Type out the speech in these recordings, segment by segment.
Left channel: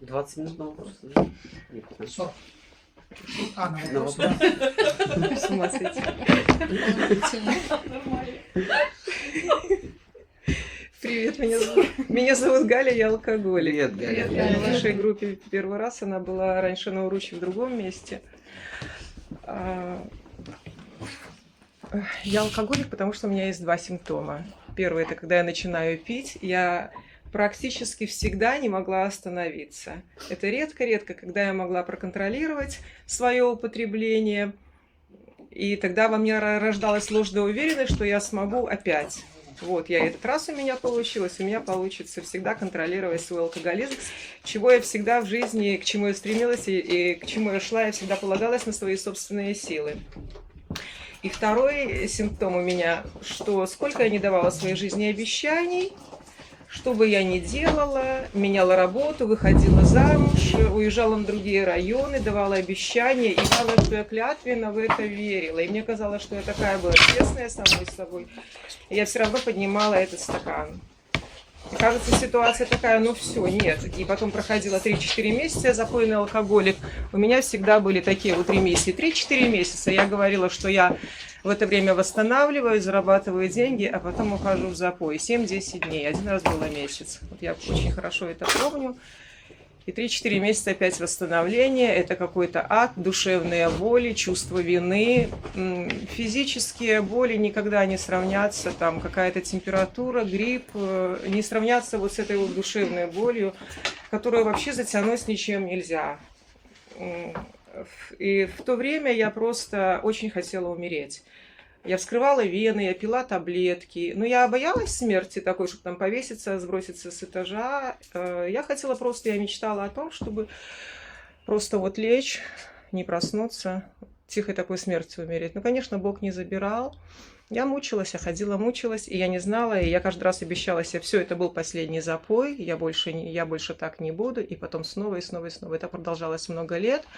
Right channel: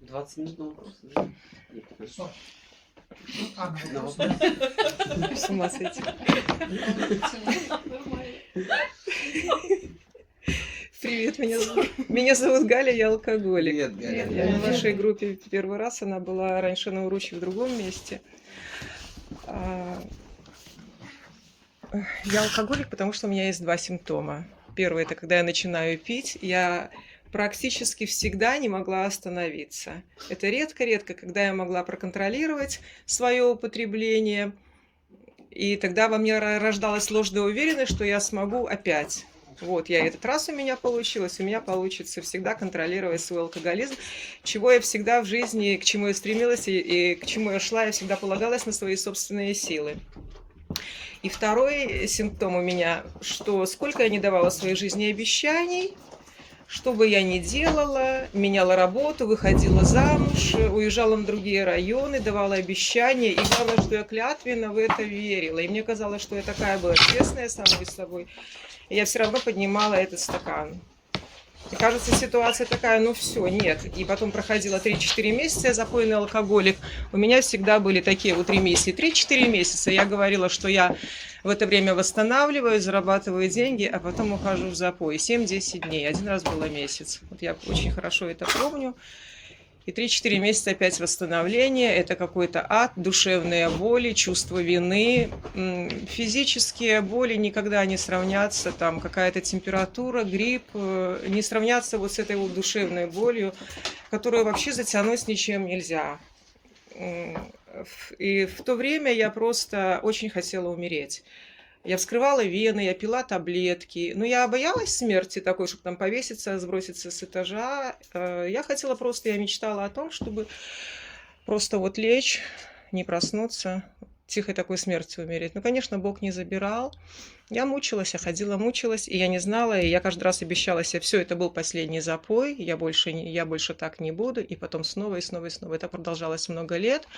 20 минут на вопрос уже? Нет, 15. 40. На На вопрос. вопрос. С ума сойти. Привет, меня зовут Галя, я алкоголик. Привет, Галя. Я в нашей группе первый раз, она была раньше на Уруче в другом месте. Я алкоголик, потому что у меня есть два симптома. Первый – это когда я начинаю пить, я практически всегда не могла остановиться. Это редко-редко, когда я могла проконтролировать свое употребление, и тогда во мне рождалась ложная уверенность, что я смогу опять. Вот, этот раз у меня получилось, у меня получится всегда контролировать свой алкоголизм, чего я всегда в жизни, к чему я стремилась и к чему я шла, я всегда полагалась на свои собственные силы. И второй симптом у меня, что сколько я не давала в своей жизни обещаний, что бы я ни делала, меняла работу, выходила замуж, уезжала на другие районы, давала обещания, и главное, что я клятвенно в это верила. И мне казалось, что я такая была честная самой собой, и я все равно поднимала этот стакан. И кажется, ситуация такая, ну все, нет. И потом проходило 3-4 месяца, я запойный алкоголик. У меня всегда были такие вот ремиссии. 3-4 месяца я говорила, что я в это время восстанавливаю, зарабатываю деньги, а потом ухожу в запой. 7-10 дней. Один раз было месяц. Вот я очень хорошо это помню. И 3-4 месяца опять восстановление. Это какой-то ад, душевные боли, чувство вины. Физические боли никогда не сравнятся. Там какая-то температура, грипп. Не сравнятся вот с этой вот душевной болью, которую вообще затянуть ничем нельзя. И в то время я просто очень хотела умереть. Я вскрывала вены, я пила таблетки. Но я боялась смерти такой, чтобы там повеситься, сброситься с этажа. Я хотела просто, я мечтала о том, чтобы просто вот лечь, не проснуться, тихой такой смертью умереть. Ну, конечно, Бог не забирал. Я мучилась, я ходила, мучилась, и я не знала, и я каждый раз обещала себе, все, это был последний запой, я больше так не буду, и потом снова, и снова, и снова. Это продолжалось много лет.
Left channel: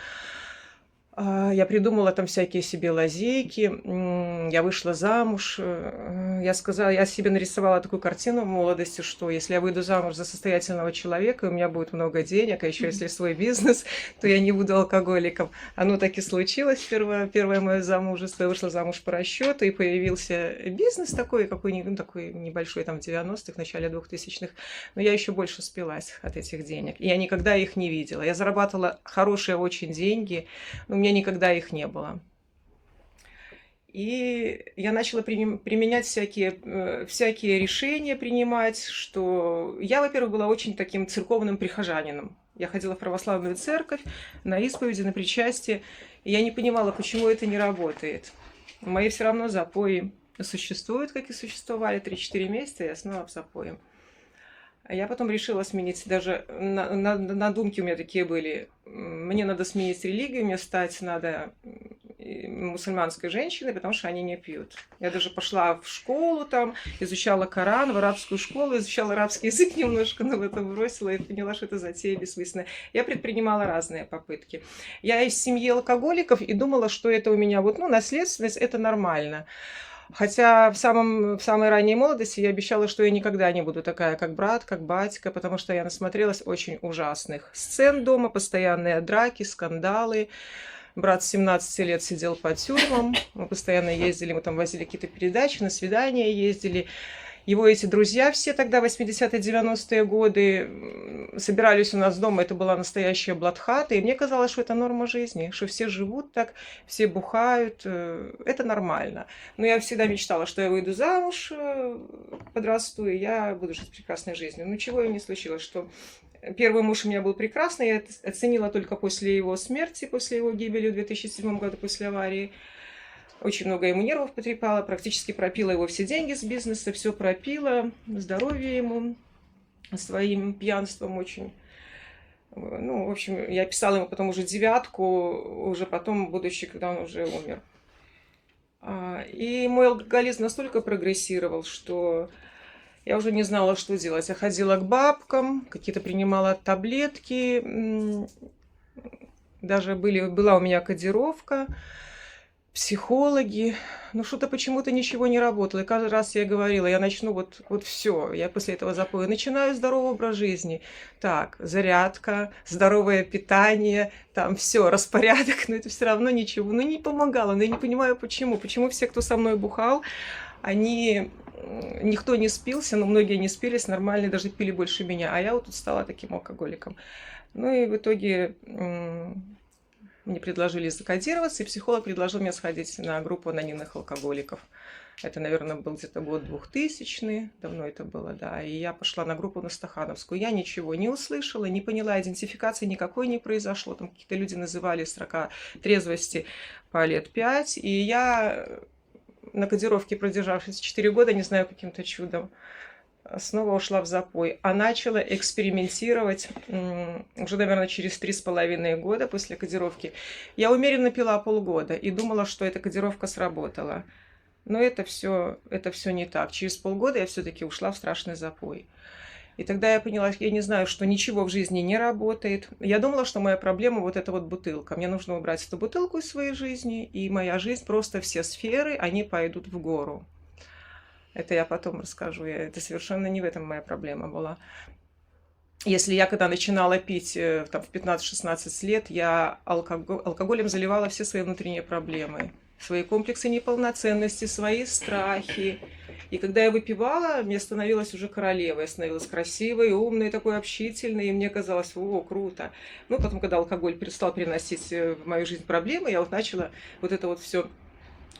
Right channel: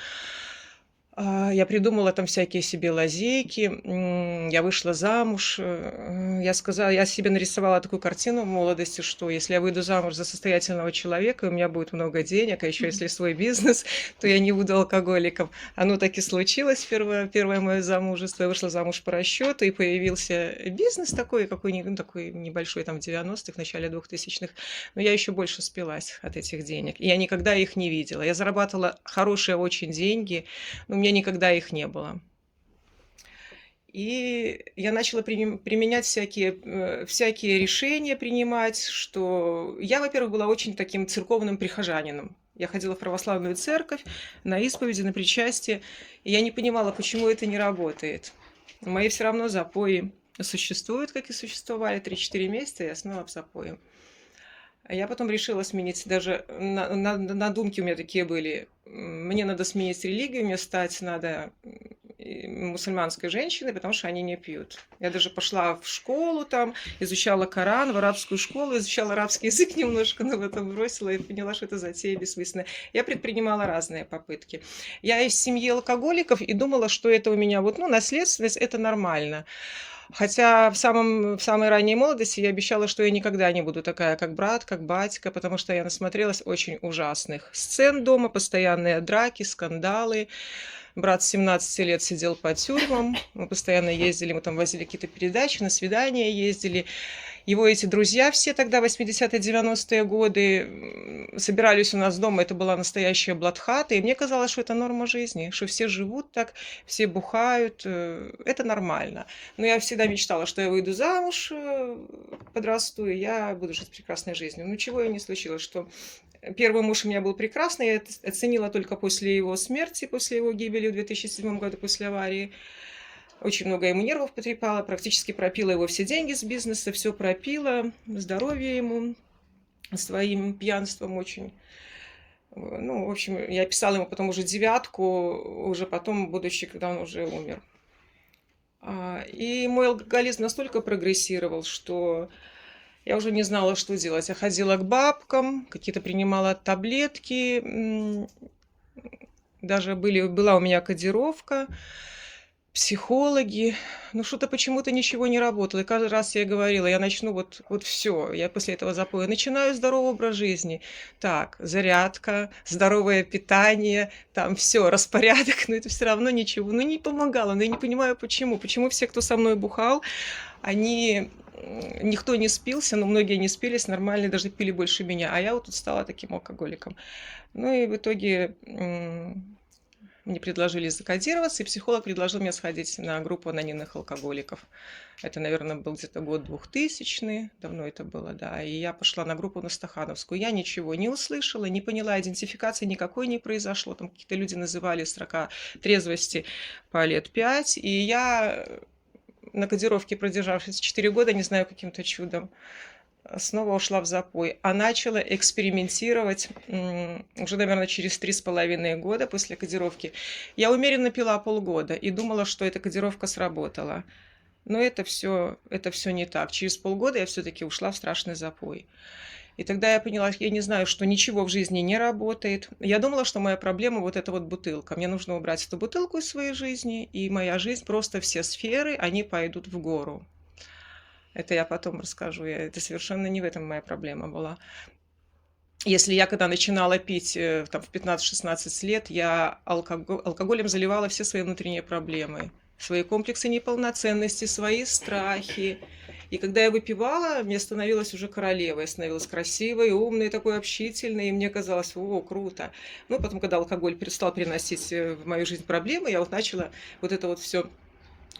Я придумала там всякие себе лазейки, я вышла замуж, я себе нарисовала такую картину в молодости, что если я выйду замуж за состоятельного человека, у меня будет много денег, а еще если свой бизнес, то я не буду алкоголиком. Оно так и случилось, первое мое замужество, я вышла замуж по расчету, и появился бизнес такой, какой-нибудь, такой небольшой, там в 90-х, в начале 2000-х, но я еще больше спилась от этих денег, и я никогда их не видела. Я зарабатывала хорошие очень деньги, но у меня никогда их не было. И я начала применять всякие решения принимать, что я, во-первых, была очень таким церковным прихожанином. Я ходила в православную церковь, на исповеди, на причастие, и я не понимала, почему это не работает. Мои все равно запои существуют, как и существовали 3-4 месяца, я снова в запое. Я потом решила сменить, даже надумки у меня такие были. Мне надо сменить религию, мне стать надо мусульманской женщиной, потому что они не пьют. Я даже пошла в школу там, изучала Коран, в арабскую школу, изучала арабский язык немножко, но в этом бросила и поняла, что это затея бессмысленная. Я предпринимала разные попытки. Я из семьи алкоголиков и думала, что это у меня вот, наследственность, это нормально. Хотя в самой ранней молодости я обещала, что я никогда не буду такая, как брат, как батька, потому что я насмотрелась очень ужасных сцен дома, постоянные драки, скандалы. Брат с 17 лет сидел по тюрьмам, мы постоянно ездили, мы там возили какие-то передачи, на свидания ездили. Его эти друзья все тогда, 80-е, 90-е годы, собирались у нас дома, это была настоящая блатхата, и мне казалось, что это норма жизни, что все живут так, все бухают, это нормально. Но я всегда мечтала, что я выйду замуж, подрасту, и я буду жить прекрасной жизнью. Ну, чего и не случилось, что первый муж у меня был прекрасный, я оценила только после его смерти, после его гибели в 2007 году, после аварии. Очень много ему нервов потрепала, практически пропила его все деньги с бизнеса, все пропила, здоровье ему своим пьянством очень. Ну, в общем, я писала ему потом уже 9, уже потом, будучи, когда он уже умер. И мой алкоголизм настолько прогрессировал, что я уже не знала, что делать. Я ходила к бабкам, какие-то принимала таблетки, даже была у меня кодировка. психологи, но что-то почему-то ничего не работало. И каждый раз я говорила, я начну вот все, я после этого запоя начинаю здоровый образ жизни. Так, зарядка, здоровое питание, там все, распорядок, но это все равно ничего, ну не помогало, но я не понимаю почему. Почему все, кто со мной бухал, они никто не спился, но многие не спились, нормально, даже пили больше меня, а я вот тут стала таким алкоголиком. Ну и в итоге мне предложили закодироваться, и психолог предложил мне сходить на группу анонимных алкоголиков. Это, наверное, был где-то год 2000, давно это было, да. И я пошла на группу на Стахановскую. Я ничего не услышала, не поняла, идентификации никакой не произошло. Там какие-то люди называли срока трезвости по лет 5. И я на кодировке, продержавшись 4 года, не знаю, каким-то чудом, снова ушла в запой, а начала экспериментировать уже, наверное, через 3,5 года после кодировки. Я умеренно пила полгода и думала, что эта кодировка сработала. Но это все не так. Через полгода я все-таки ушла в страшный запой. И тогда я поняла, я не знаю, что ничего в жизни не работает. Я думала, что моя проблема вот эта вот бутылка. Мне нужно убрать эту бутылку из своей жизни, и моя жизнь, просто все сферы, они пойдут в гору. Это я потом расскажу. Это совершенно не в этом моя проблема была. Если я когда начинала пить там, в 15-16 лет, я алкоголем заливала все свои внутренние проблемы. Свои комплексы неполноценности, свои страхи. И когда я выпивала, мне становилась уже королевой. Я становилась красивой, умной, такой общительной. И мне казалось, о, круто. Ну, потом, когда алкоголь перестал приносить в мою жизнь проблемы, я вот начала вот это вот все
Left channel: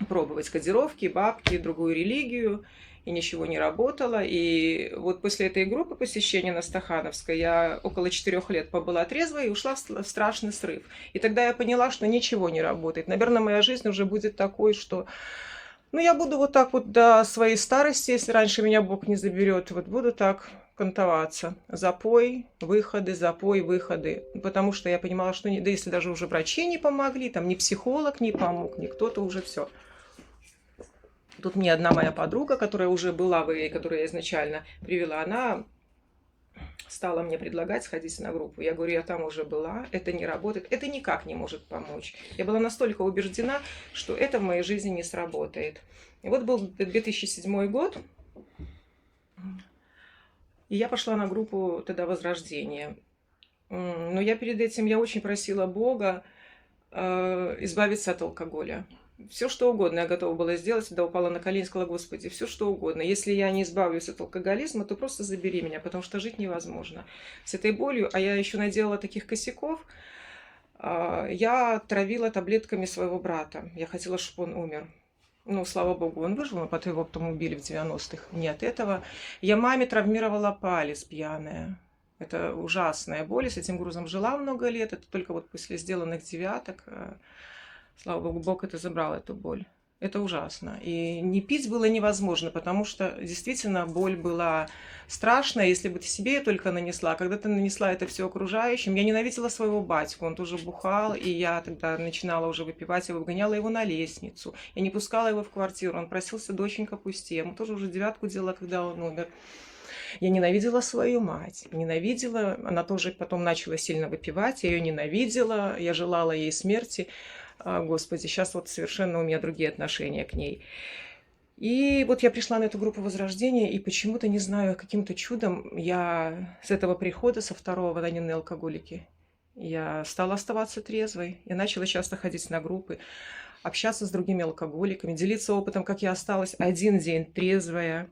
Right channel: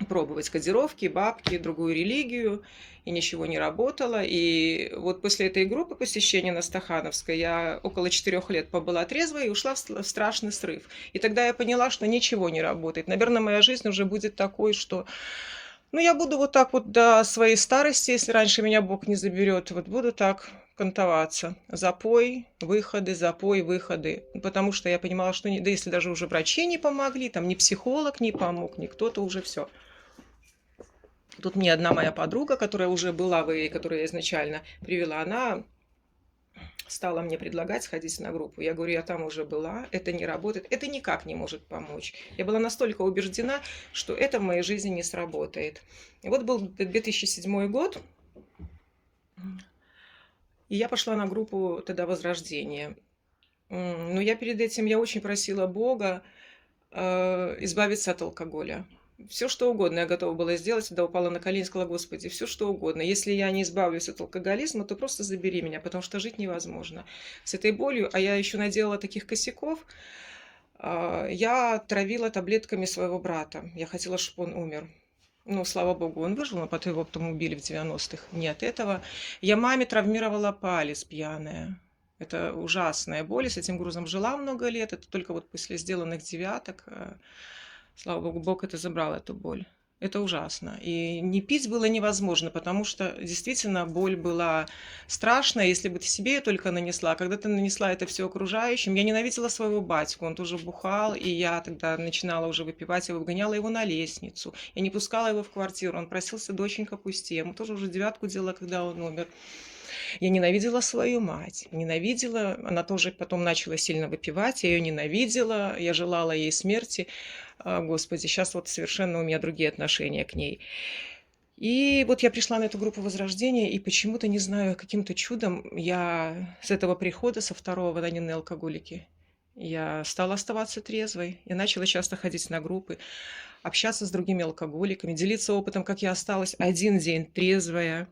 пробовать: кодировки, бабки, другую религию, и ничего не работало. И вот после этой группы посещения на Стахановской я около 4 лет побыла трезвой и ушла в страшный срыв. И тогда я поняла, что ничего не работает. Наверное, моя жизнь уже будет такой, что ну, я буду вот так вот до своей старости, если раньше меня Бог не заберет, вот буду так кантоваться. Запой, выходы. Потому что я понимала, что да если даже уже врачи не помогли, там ни психолог не помог, ни кто-то, уже все. Тут мне одна моя подруга, которая уже была в ИИ, которую я изначально привела, она стала мне предлагать сходить на группу. Я говорю, я там уже была, это не работает, это никак не может помочь. Я была настолько убеждена, что это в моей жизни не сработает. И вот был 2007 год, и я пошла на группу тогда «Возрождение». Но я перед этим, я очень просила Бога избавиться от алкоголя. Все, что угодно я готова была сделать, когда упала на колени, сказала: Господи, все, что угодно. Если я не избавлюсь от алкоголизма, то просто забери меня, потому что жить невозможно с этой болью. А я еще наделала таких косяков. Я травила таблетками своего брата. Я хотела, чтобы он умер. Ну, слава богу, он выжил, но потом его убили в 90-х. Не от этого. Я маме травмировала палец пьяная. Это ужасная боль. С этим грузом жила много лет. Это только вот после сделанных девяток, слава богу, Бог это забрал, эту боль. Это ужасно. И не пить было невозможно, потому что действительно боль была страшная, если бы ты себе ее только нанесла. Когда ты нанесла это все окружающим, я ненавидела своего батьку, он тоже бухал, и я тогда начинала уже выпивать, я выгоняла его на лестницу. Я не пускала его в квартиру, он просился: доченька, пусти. Я ему тоже уже 9 делала, когда он умер. Я ненавидела свою мать, ненавидела, она тоже потом начала сильно выпивать, я ее ненавидела, я желала ей смерти. Господи, сейчас вот совершенно у меня другие отношения к ней. И вот я пришла на эту группу Возрождения, и почему-то, не знаю, каким-то чудом я с этого прихода, со второго в анонимные алкоголики, я стала оставаться трезвой. Я начала часто ходить на группы, общаться с другими алкоголиками, делиться опытом, как я осталась один день трезвая,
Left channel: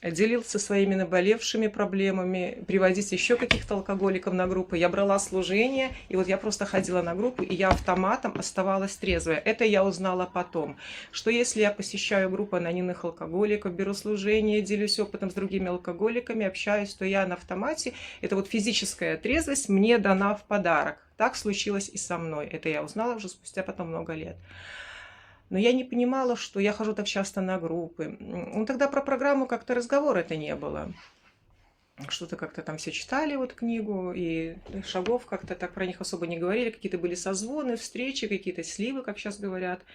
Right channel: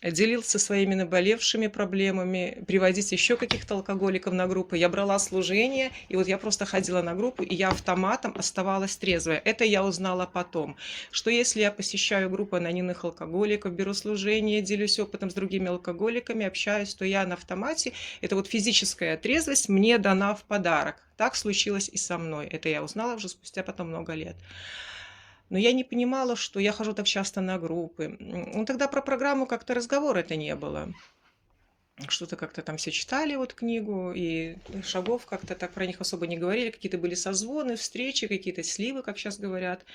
делился своими наболевшими проблемами, приводить еще каких-то алкоголиков на группы. Я брала служение, и вот я просто ходила на группу, и я автоматом оставалась трезвая. Это я узнала потом, что если я посещаю группу анонимных алкоголиков, беру служение, делюсь опытом с другими алкоголиками, общаюсь, то я на автомате, это вот физическая трезвость мне дана в подарок. Так случилось и со мной. Это я узнала уже спустя потом много лет. Но я не понимала, что я хожу так часто на группы. Ну, тогда про программу как-то разговора-то не было. Что-то как-то там все читали вот книгу, и шагов как-то так про них особо не говорили. Какие-то были созвоны, встречи, какие-то сливы, как сейчас говорят.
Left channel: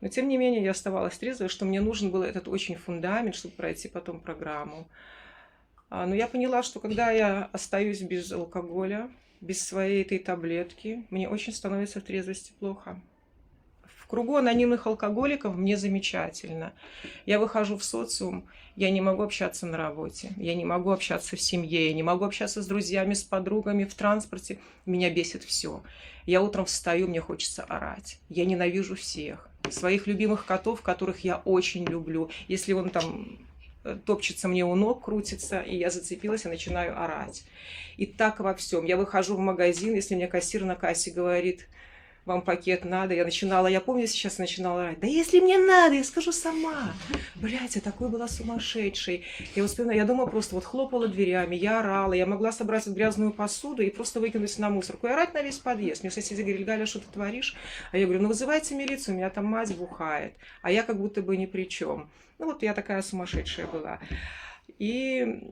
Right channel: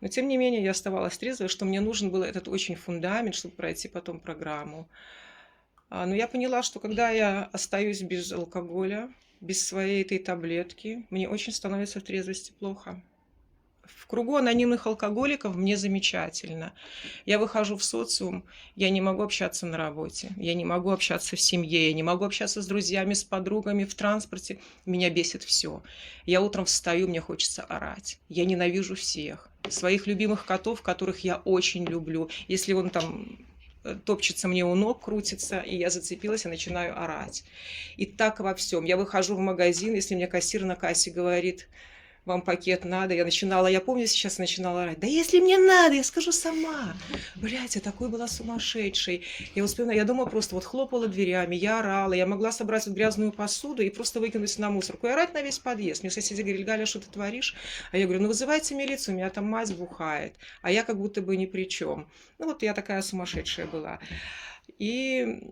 Но тем не менее я оставалась трезвой, что мне нужен был этот очень фундамент, чтобы пройти потом программу. Но я поняла, что когда я остаюсь без алкоголя, без своей этой таблетки, мне очень становится в трезвости плохо. кругу анонимных алкоголиков мне замечательно. Я выхожу в социум, я не могу общаться на работе, я не могу общаться в семье, я не могу общаться с друзьями, с подругами, в транспорте. Меня бесит все. Я утром встаю, мне хочется орать. Я ненавижу всех. Своих любимых котов, которых я очень люблю. Если он там топчется мне у ног, крутится, и я зацепилась и начинаю орать. И так во всем. Я выхожу в магазин, если мне кассир на кассе говорит: вам пакет надо. Я помню, сейчас начинала орать: да если мне надо, я скажу сама. Блять, я такой была сумасшедшей. Я дома просто вот хлопала дверями, я орала, я могла собрать вот грязную посуду и просто выкинуть на мусорку и орать на весь подъезд. Мне соседи говорили: Галя, что ты творишь? А я говорю: ну вызывайте милицию, у меня там мать бухает, а я как будто бы ни при чем. Ну вот я такая сумасшедшая была. И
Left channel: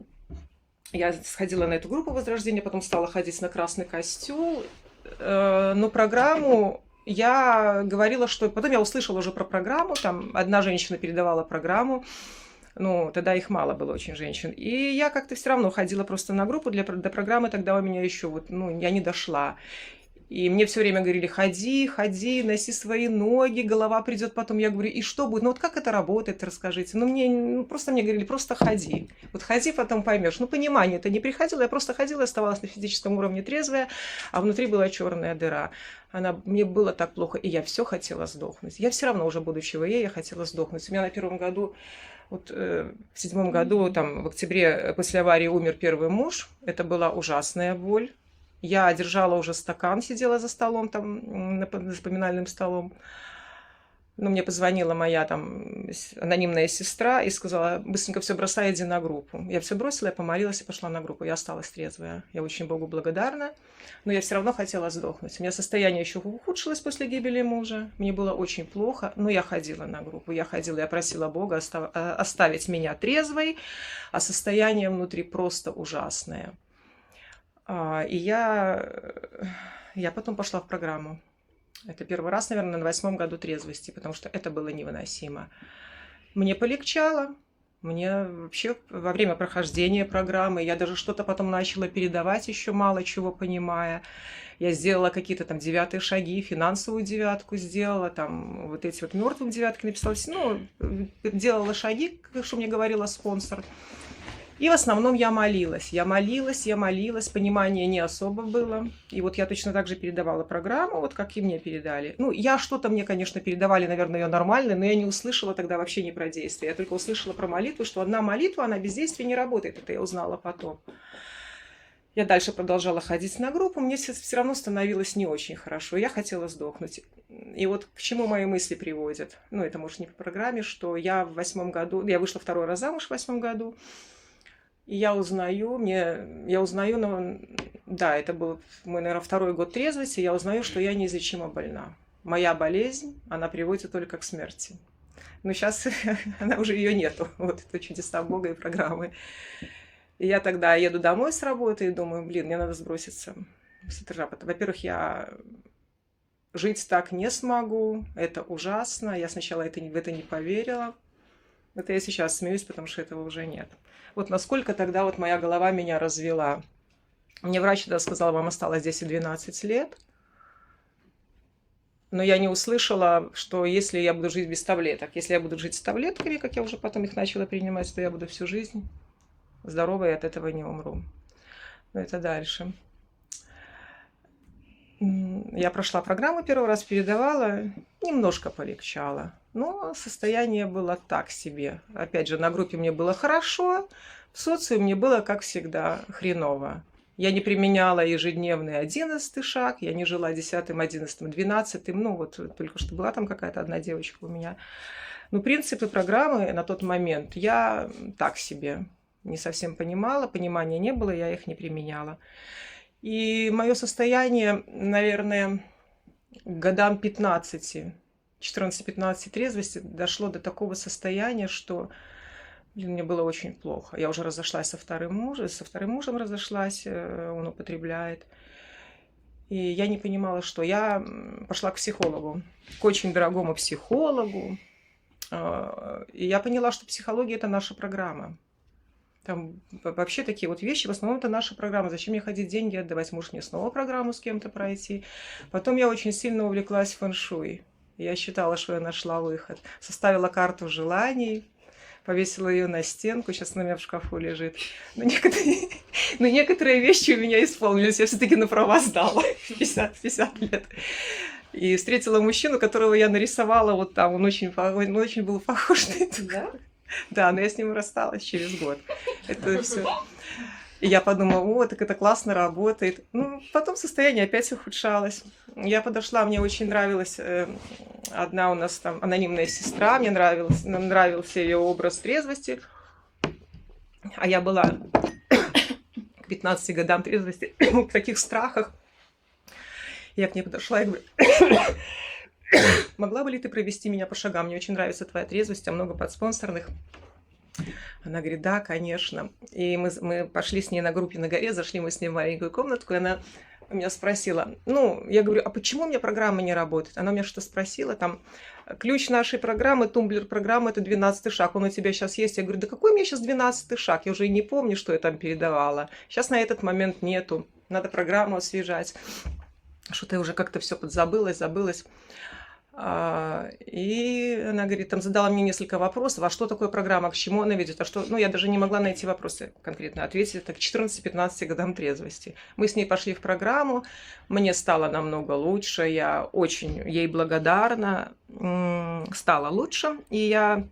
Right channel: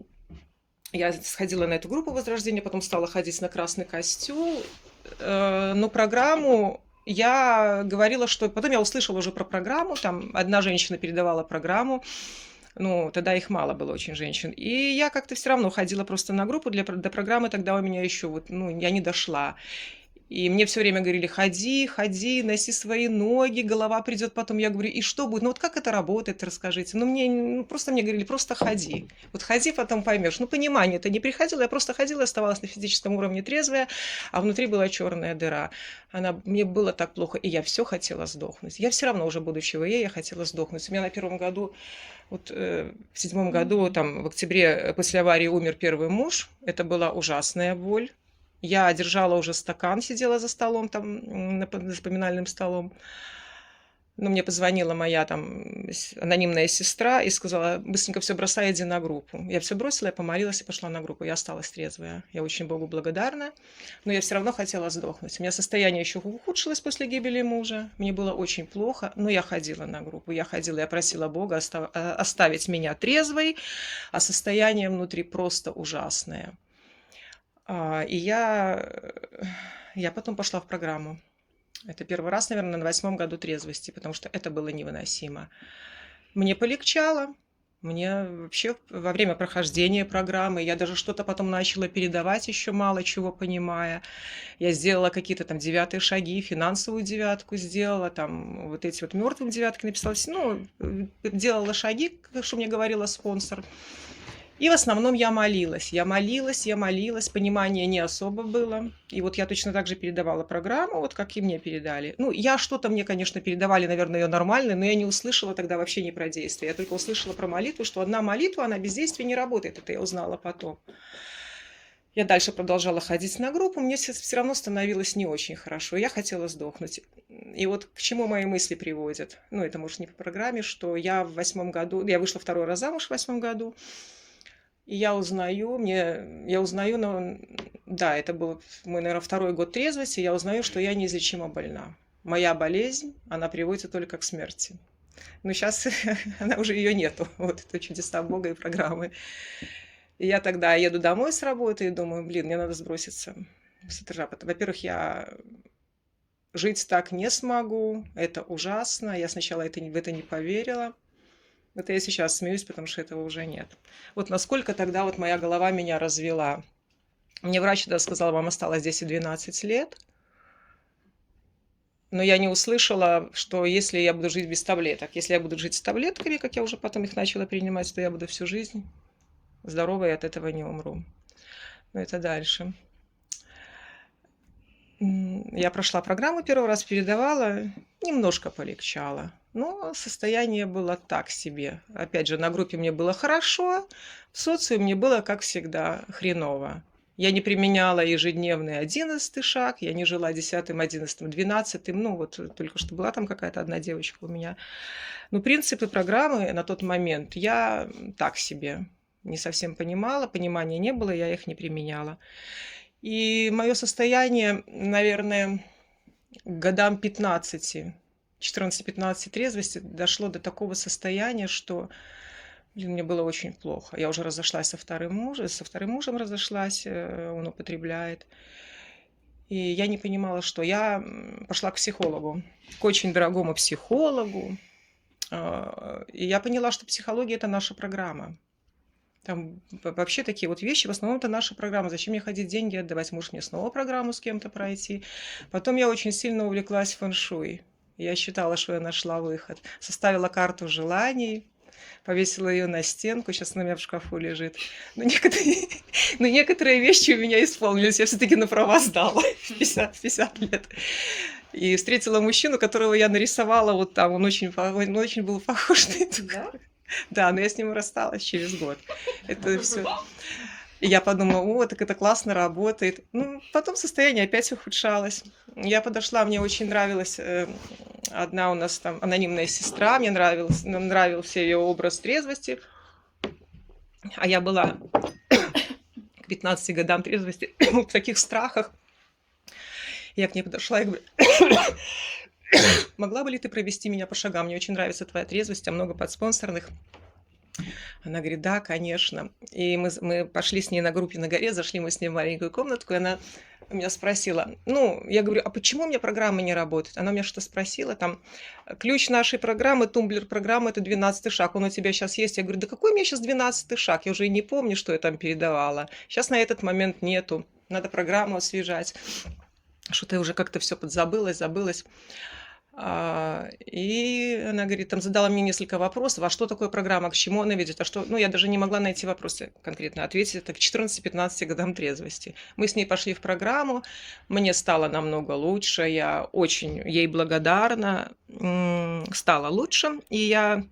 я сходила на эту группу возрождения, потом стала ходить на красный костюм. Но программу я говорила, что... Потом я услышала уже про программу, там одна женщина передавала программу, ну, тогда их мало было очень женщин. И я как-то все равно ходила просто на группу, до программы тогда у меня еще вот, ну, я не дошла. И мне все время говорили: ходи, ходи, носи свои ноги, голова придет потом. Я говорю: и что будет? Ну вот как это работает, расскажите. Просто мне говорили: просто ходи. Вот ходи, потом поймешь. Ну, понимание-то не приходило, я просто ходила, оставалась на физическом уровне трезвая, а внутри была черная дыра. Мне было так плохо, и я все хотела сдохнуть. Я все равно уже, будучи ВЕ, я хотела сдохнуть. У меня на первом году, вот в 7 году, там, в октябре после аварии умер первый муж. Это была ужасная боль. Я держала уже стакан, сидела за столом, там, за поминальным столом. Но мне позвонила моя там анонимная сестра и сказала: быстренько все бросай, иди на группу. Я все бросила, я помолилась и пошла на группу. Я осталась трезвая. Я очень Богу благодарна. Но я все равно хотела сдохнуть. У меня состояние еще ухудшилось после гибели мужа. Мне было очень плохо, но я ходила на группу. Я просила Бога оставить меня трезвой, а состояние внутри просто ужасное. И я потом пошла в программу. Это первый раз, наверное, на 8 году трезвости, потому что это было невыносимо. Мне полегчало. Мне вообще во время прохождения программы я даже что-то потом начала передавать, еще мало чего понимая. Я сделала какие-то там 9-е шаги, финансовую 9-ку сделала, там вот эти вот мертвым 9-ки написала. Ну, делала шаги, что мне говорила спонсор. И в основном я молилась, понимания не особо было. И вот я точно так же передавала программу, вот как и мне передали. Ну, мне, конечно, передавали, наверное, ее нормально, но я не услышала тогда вообще ни про действие. Я только услышала про молитву, что одна молитва, она без действия не работает. Это я узнала потом. Я дальше продолжала ходить на группу, мне все равно становилось не очень хорошо. Я хотела сдохнуть. И вот к чему мои мысли приводят. Ну, это, может, не по программе, что я в 8 году... Я вышла 2-й раз замуж в 8 году. И я узнаю, да, это был мой, наверное, 2-й год трезвости, я узнаю, что я неизлечимо больна. Моя болезнь, она приводит только к смерти. Но сейчас она уже ее нету. Вот это чудеса Бога и программы. И я тогда еду домой с работы и думаю: мне надо сброситься с этажа. Во-первых, я жить так не смогу, это ужасно. Я сначала в это не поверила. Это я сейчас смеюсь, потому что этого уже нет. Вот насколько тогда вот моя голова меня развела. Мне врач тогда сказал: вам осталось 10-12 лет. Но я не услышала, что если я буду жить без таблеток, если я буду жить с таблетками, как я уже потом их начала принимать, то я буду всю жизнь здоровой и от этого не умру. Но это дальше. Я прошла программу 1-й раз, передавала, немножко полегчало. Но состояние было так себе. Опять же, на группе мне было хорошо, в социуме мне было, как всегда, хреново. Я не применяла ежедневный 11-й шаг, я не жила 10-м, 11-м, 12-м. Ну, вот только что была там какая-то одна девочка у меня. Но принципы программы на тот момент я так себе не совсем понимала, понимания не было, я их не применяла. И мое состояние, наверное, к годам 15, 14-15 трезвости дошло до такого состояния, что мне было очень плохо. Я уже разошлась со вторым мужем разошлась, он употребляет. И я не понимала, что. Я пошла к психологу, к очень дорогому психологу. И я поняла, что психология – это наша программа. Там вообще такие вот вещи, в основном это наша программа. Зачем мне ходить деньги отдавать? Может, мне снова программу с кем-то пройти? Потом я очень сильно увлеклась фэн-шуй. Я считала, что я нашла выход. Составила карту желаний, повесила ее на стенку, сейчас она у меня в шкафу лежит. Но некоторые вещи у меня исполнились. Я все-таки на права сдала в 50 лет. И встретила мужчину, которого я нарисовала вот там. Он очень был похож на это. Да? Да, но я с ним рассталась через год. Это все. И я подумала, о, так это классно работает. Ну, потом состояние опять ухудшалось. Я подошла, мне очень нравилась одна у нас там анонимная сестра, мне нравился ее образ трезвости. А я была к 15 годам трезвости в таких страхах. Я к ней подошла и говорю, могла бы ли ты провести меня по шагам? Мне очень нравится твоя трезвость, а много подспонсорных. Она говорит, да, конечно. И мы пошли с ней на группе на горе, зашли мы с ней в маленькую комнатку, и она меня спросила, ну, я говорю, а почему у меня программа не работает? Она меня что-то спросила, там, ключ нашей программы, тумблер программы, это 12-й шаг, он у тебя сейчас есть? Я говорю, да какой у меня сейчас 12-й шаг? Я уже и не помню, что я там передавала. Сейчас на этот момент нету, надо программу освежать. Что-то уже как-то все подзабылось, забылось. И она говорит, там задала мне несколько вопросов, а что такое программа, к чему она ведет, а что, ну, я даже не могла на эти вопросы конкретно ответить, это к 14-15 годам трезвости. Мы с ней пошли в программу, мне стало намного лучше, я очень ей благодарна, стало лучше, и я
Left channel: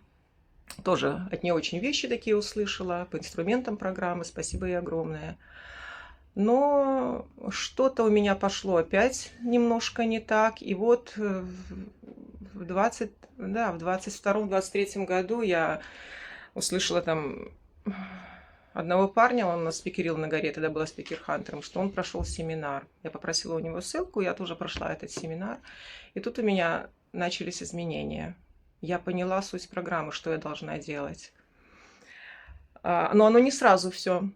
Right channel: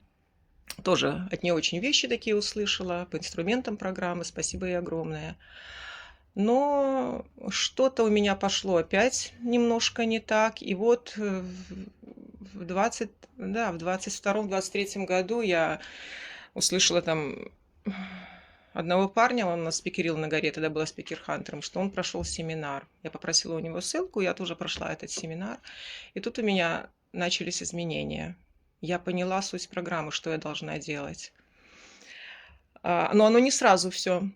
тоже от нее очень вещи такие услышала по инструментам программы, спасибо ей огромное. Но что-то у меня пошло опять немножко не так. И вот в 22-23 году я услышала там одного парня, он нас спикерил на горе, тогда была спикер-хантером, что он прошел семинар. Я попросила у него ссылку, я тоже прошла этот семинар. И тут у меня начались изменения. Я поняла суть программы, что я должна делать. Но оно не сразу все.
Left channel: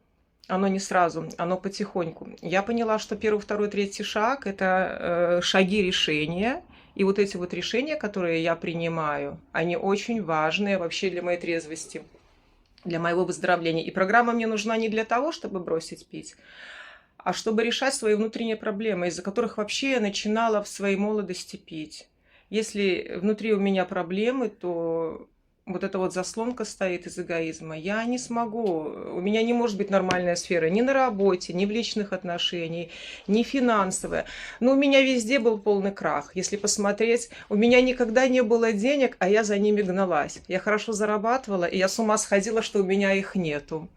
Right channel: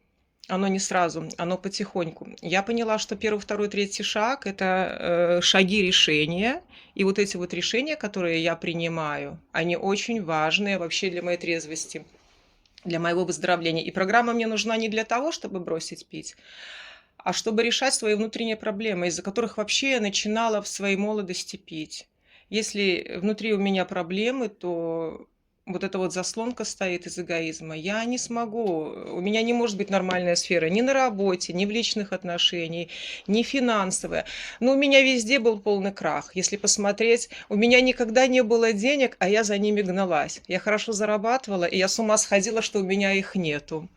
Оно не сразу, оно потихоньку. Я поняла, что первый, второй, третий шаг – это шаги решения. И вот эти вот решения, которые я принимаю, они очень важные вообще для моей трезвости, для моего выздоровления. И программа мне нужна не для того, чтобы бросить пить, а чтобы решать свои внутренние проблемы, из-за которых вообще я начинала в своей молодости пить. Если внутри у меня проблемы, то вот эта вот заслонка стоит из эгоизма. Я не смогу, у меня не может быть нормальная сфера ни на работе, ни в личных отношениях, ни финансовая. Но у меня везде был полный крах. Если посмотреть, у меня никогда не было денег, а я за ними гналась. Я хорошо зарабатывала, и я с ума сходила, что у меня их нету.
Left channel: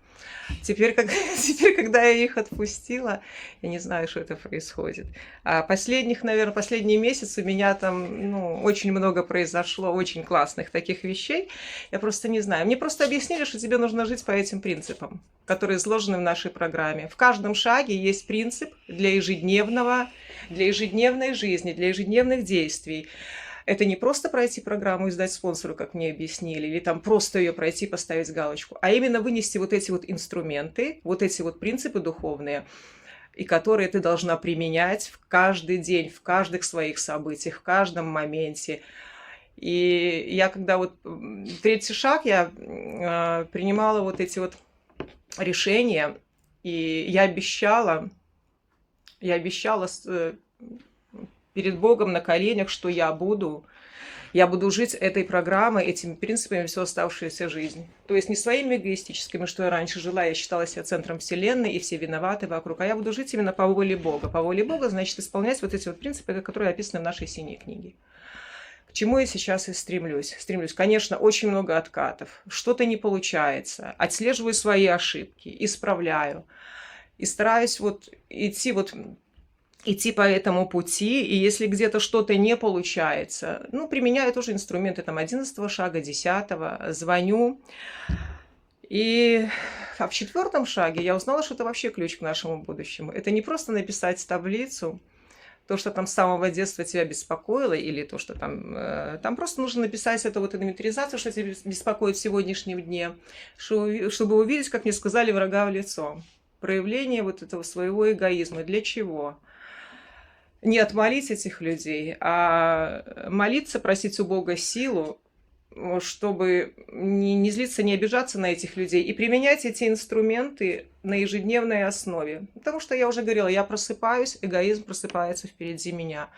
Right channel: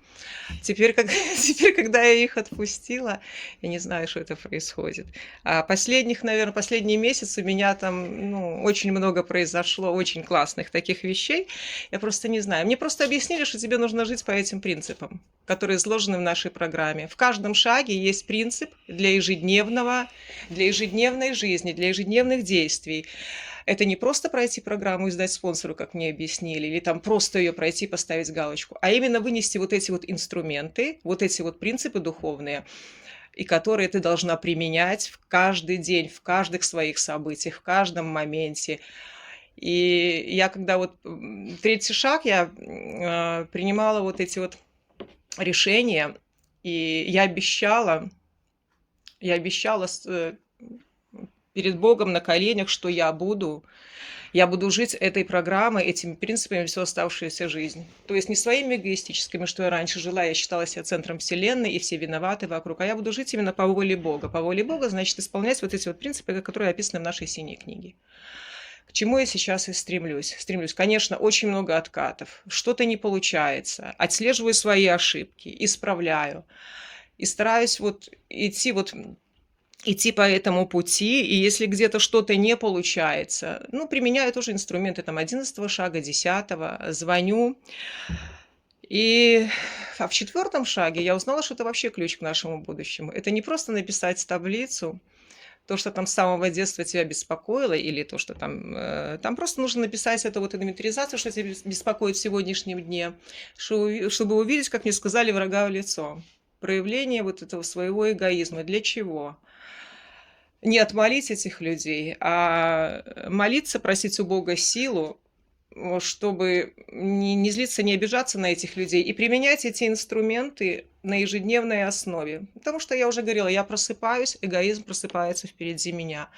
Теперь, когда я их отпустила, я не знаю, что это происходит. А последний месяц у меня там, очень много произошло, очень классных таких вещей. Я просто не знаю. Мне просто объяснили, что тебе нужно жить по этим принципам, которые изложены в нашей программе. В каждом шаге есть принцип для ежедневной жизни, для ежедневных действий. Это не просто пройти программу и сдать спонсору, как мне объяснили, или там просто ее пройти, поставить галочку, а именно вынести вот эти вот инструменты, вот эти вот принципы духовные, и которые ты должна применять в каждый день, в каждых своих событиях, в каждом моменте. И я когда вот третий шаг, я принимала вот эти вот решения, и я обещала перед Богом на коленях, что я буду жить этой программой, этими принципами всю оставшуюся жизнь. То есть не своими эгоистическими, что я раньше жила, я считала себя центром вселенной, и все виноваты вокруг, а я буду жить именно по воле Бога. По воле Бога, значит, исполнять вот эти вот принципы, которые описаны в нашей синей книге. К чему я сейчас и стремлюсь? Конечно, очень много откатов. Что-то не получается. Отслеживаю свои ошибки, исправляю. И стараюсь идти по этому пути, и если где-то что-то не получается, применяю тоже инструменты 11-го шага, 10-го, звоню. И в 4-м шаге я узнала, что это вообще ключ к нашему будущему. Это не просто написать таблицу, то, что там с самого детства тебя беспокоило, или то, что там просто нужно написать эту вот инвентаризацию, что тебя беспокоит в сегодняшнем дне, чтобы увидеть, как мне сказали, врага в лицо. Проявление вот этого своего эгоизма. Для чего? Не отмолить этих людей, а молиться, просить у Бога силу, чтобы не злиться, не обижаться на этих людей и применять эти инструменты на ежедневной основе. Потому что я уже говорила, я просыпаюсь, эгоизм просыпается впереди меня.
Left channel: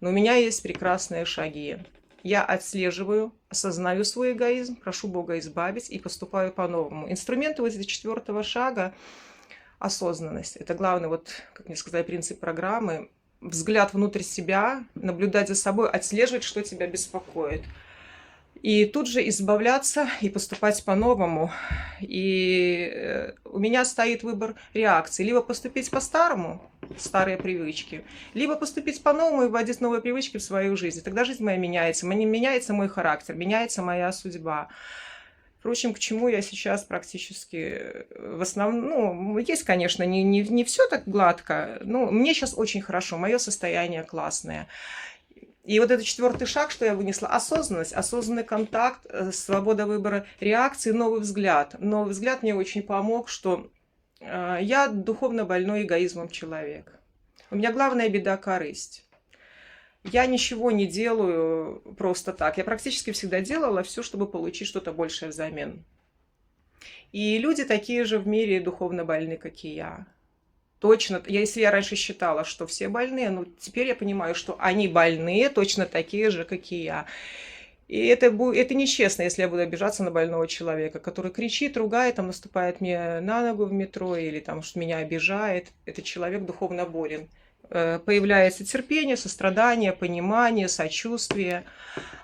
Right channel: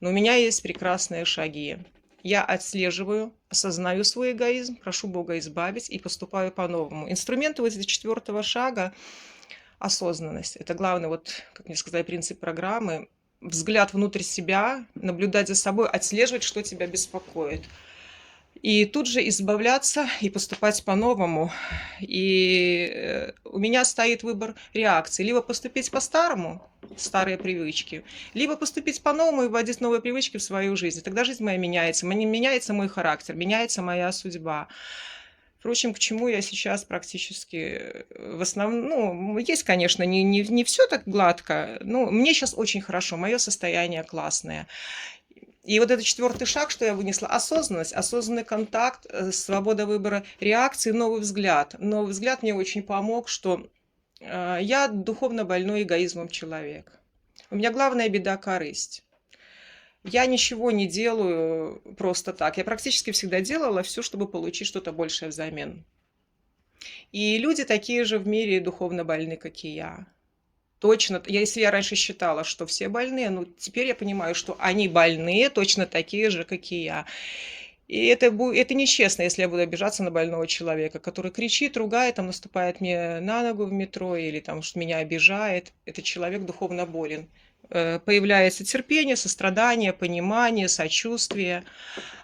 Но у меня есть прекрасные шаги. Я отслеживаю, осознаю свой эгоизм, прошу Бога избавить и поступаю по-новому. Инструменты вот этого 4-го шага — осознанность. Это главный, вот, как мне сказали, принцип программы. Взгляд внутрь себя, наблюдать за собой, отслеживать, что тебя беспокоит. И тут же избавляться и поступать по-новому. И у меня стоит выбор реакции. Либо поступить по-старому, старые привычки, либо поступить по-новому и вводить новые привычки в свою жизнь. Тогда жизнь моя меняется. Меняется мой характер, меняется моя судьба. Впрочем, к чему я сейчас практически в основном... Ну, есть, конечно, не все так гладко, но мне сейчас очень хорошо, мое состояние классное. И вот этот 4-й шаг, что я вынесла: осознанность, осознанный контакт, свобода выбора реакции, новый взгляд. Новый взгляд мне очень помог, что я духовно больной эгоизмом человек. У меня главная беда — корысть. Я ничего не делаю просто так. Я практически всегда делала все, чтобы получить что-то большее взамен. И люди такие же в мире духовно больны, как и я. Точно, если я раньше считала, что все больные, но теперь я понимаю, что они больные точно такие же, как и я. И это нечестно, если я буду обижаться на больного человека, который кричит, ругает, там, наступает мне на ногу в метро или там, что меня обижает. Этот человек духовно болен. Появляется терпение, сострадание, понимание, сочувствие.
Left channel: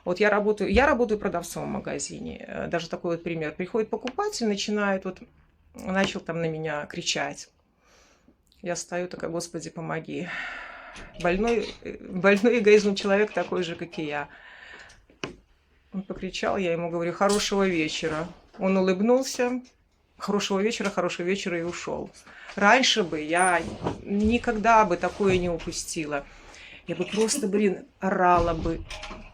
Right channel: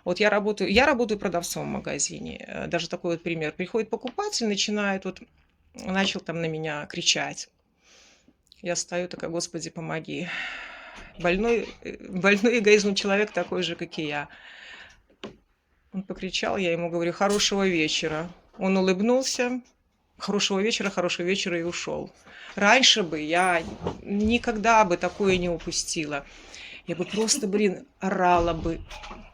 Вот я работаю продавцом в магазине. Даже такой вот пример. Приходит покупатель, начал там на меня кричать. Я стою такая: Господи, помоги. Больной эгоизмом человек такой же, как и я. Он покричал, я ему говорю: хорошего вечера. Он улыбнулся: хорошего вечера, и ушел. Раньше бы я никогда бы такое не упустила. Я бы просто, орала бы:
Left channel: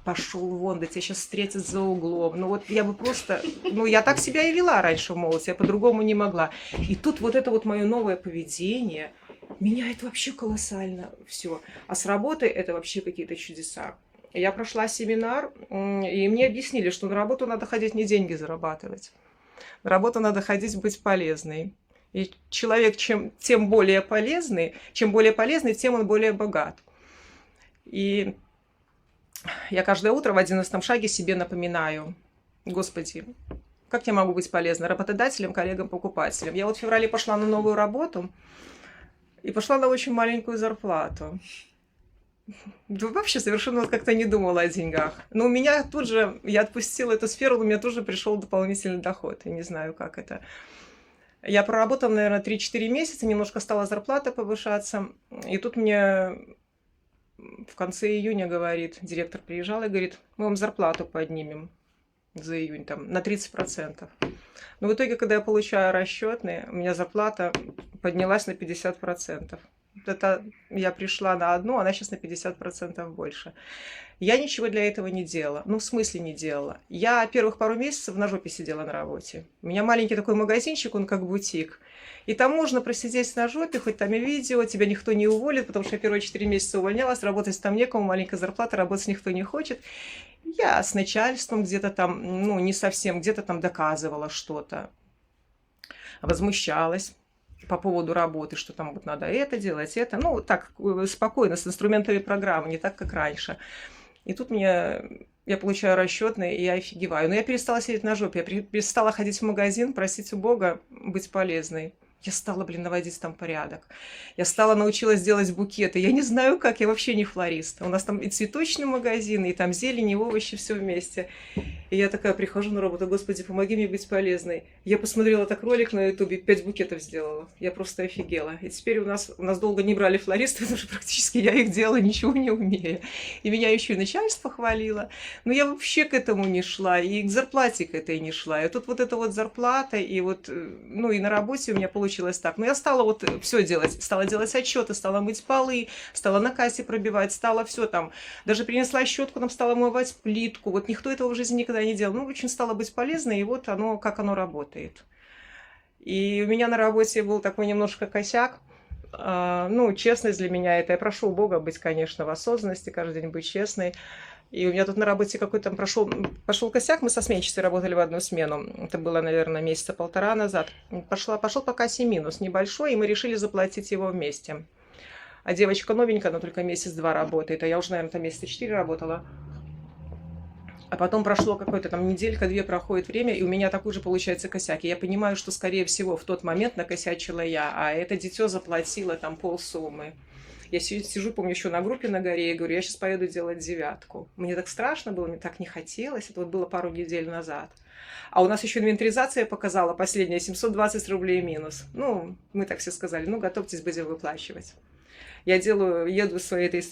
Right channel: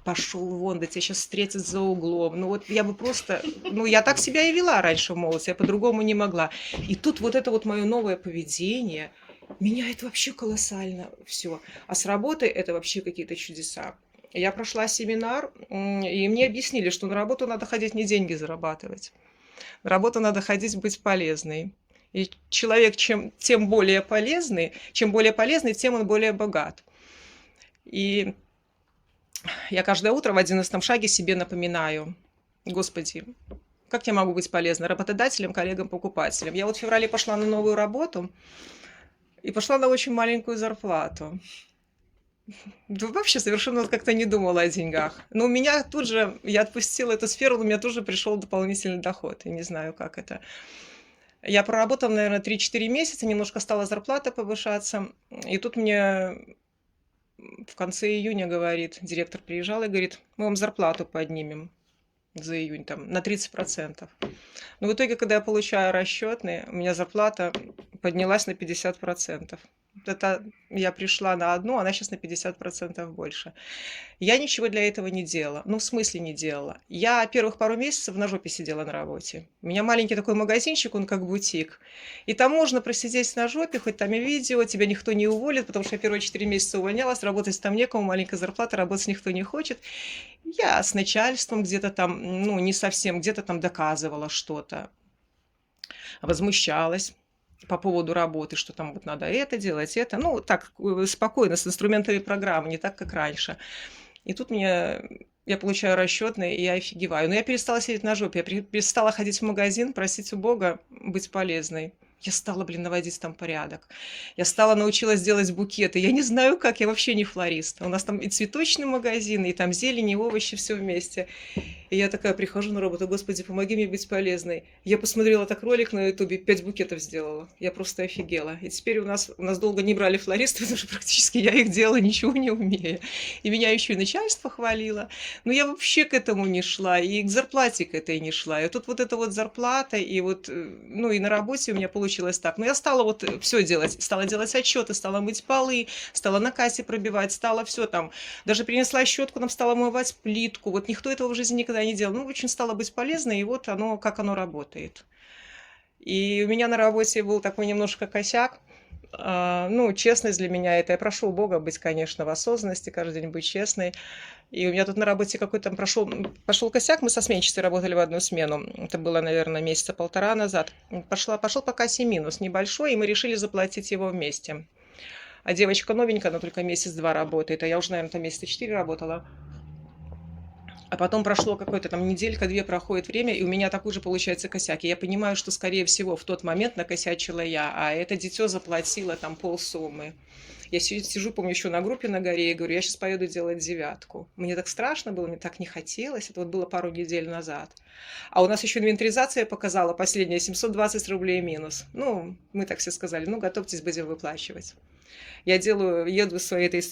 пошел вон, да тебя сейчас встретят за углом. Ну вот я бы просто... Ну я так себя и вела раньше в молодости, я по-другому не могла. И тут вот это вот мое новое поведение меняет вообще колоссально все. А с работой это вообще какие-то чудеса. Я прошла семинар, и мне объяснили, что на работу надо ходить не деньги зарабатывать. На работу надо ходить быть полезной. И человек чем более полезный, тем он более богат. И я каждое утро в 11-м шаге себе напоминаю: Господи, как я могу быть полезна работодателям, коллегам, покупателям? Я вот в феврале пошла на новую работу и пошла на очень маленькую зарплату. Да вообще совершенно как-то не думала о деньгах. Но у меня тут же, я отпустила эту сферу, у меня тоже пришел дополнительный доход. Я не знаю, как это. Я проработала, наверное, 3-4 месяца, немножко стала зарплата повышаться. И тут мне в конце июня говорит, директор приезжал и говорит: мы вам зарплату поднимем за июнь там на 30%. Но в итоге, когда я получаю расчетные, у меня зарплата поднялась на 50%. Это я пришла на одну, она сейчас на 50% больше. Я ничего для этого не делала. Ну, в смысле не делала. Я первых пару месяцев на жопе сидела на работе. У меня маленький такой магазинчик, он как бутик. И там можно просидеть на жопе, хоть там и видео, тебя никто не уволит, потому что я первые 4 месяца увольнялась, работать там некому, маленькая зарплата, работать никто не хочет. Я с начальством где-то там, ну, не совсем, где-то там доказывала что-то. Возмущалась по поводу работы, что там вот надо это делать, это. Ну, так, спокойно, с инструментами программы, не так, как раньше. И тут я получаю расчетные, и я офигеваю. Но я перестала сидеть на жопе, я перестала ходить в магазин, просить у Бога быть полезной. Я стала, наводить там порядок. Я научилась делать букеты. Я не знаю как, я вообще не флорист. У нас там и цветочный магазин, и там зелень, и овощи, все вместе. И я такая прихожу на работу: Господи, помоги мне быть полезной. Я посмотрела так ролик на ютубе, 5 букетов сделала. Я просто офигела. И теперь у нас долго не брали флористов, потому что практически я их делала, ничего не умея. И меня еще и начальство хвалило. Но я вообще к этому не шла, и к зарплате к этой не шла. И тут вот эта вот зарплата, и вот, ну и на работе у меня получилось так. Но я стала вот все делать. Стала делать отчеты, стала мыть полы, стала на кассе пробивать, стала все там. Даже принесла щетку, там стала мывать плитку. Вот никто этого в жизни никогда не делал. Ну, очень стало быть полезной, и вот оно, как оно работает. И у меня на работе был такой немножко косяк. Ну, честность для меня это. Я прошу у Бога быть, конечно, в осознанности, каждый день быть честной. И у меня тут на работе какой-то пошел косяк. Мы со сменщицей работали в одну смену. Это было, наверное, месяца 1,5 назад. Пошел по кассе минус небольшой, и мы решили заплатить его вместе. А девочка новенькая, она только месяц-два работает, а я уже, наверное, там месяца 4 работала. А потом прошло какое-то там неделька-две, проходит время, и у меня такой же получается косяк. И я понимаю, что, скорее всего, в тот момент накосячила я, а это дитё заплатило там полсуммы. Я сижу, помню, еще на группе на горе, и говорю, я сейчас поеду делать 9. Мне так страшно было, мне так не хотелось. Это вот было пару недель назад. А у нас еще инвентаризация показала последняя 720 рублей минус. Ну, мы так все сказали, ну, готовьтесь, будем выплачивать. Я еду своей этой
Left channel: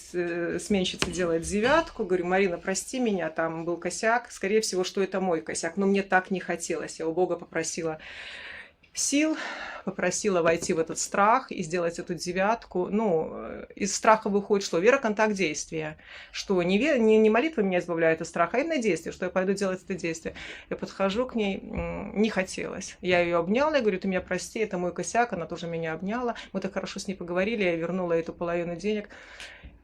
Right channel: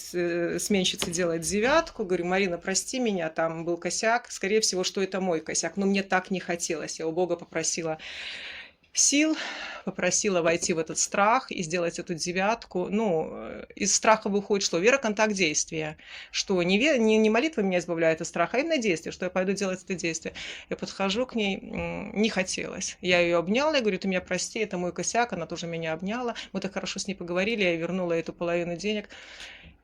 сменщице делать 9, говорю, Марина, прости меня, там был косяк, скорее всего, что это мой косяк, но мне так не хотелось, я у Бога попросила сил, попросила войти в этот страх и сделать эту 9. Ну, из страха выходит что? Вера, контакт, действие. Что не молитва меня избавляет от страха, а именно действие, что я пойду делать это действие. Я подхожу к ней, не хотелось. Я ее обняла, я говорю, ты меня прости, это мой косяк, она тоже меня обняла. Мы так хорошо с ней поговорили, я вернула эту половину денег.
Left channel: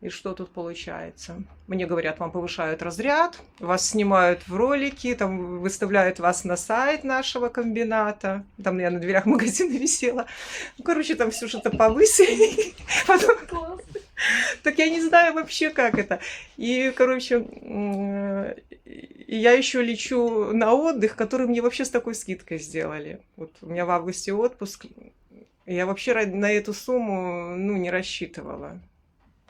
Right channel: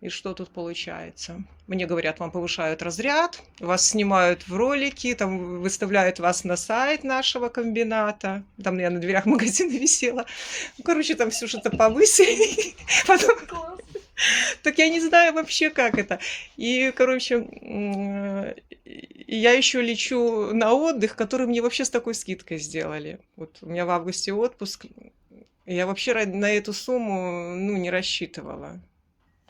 И что тут получается? Мне говорят, вам повышают разряд, вас снимают в ролики, там выставляют вас на сайт нашего комбината. Там я на дверях магазина висела. Ну, короче, там все что-то повысили. Потом... Так я не знаю вообще, как это. И, короче, я еще лечу на отдых, который мне вообще с такой скидкой сделали. Вот у меня в августе отпуск. Я вообще на эту сумму, ну, не рассчитывала.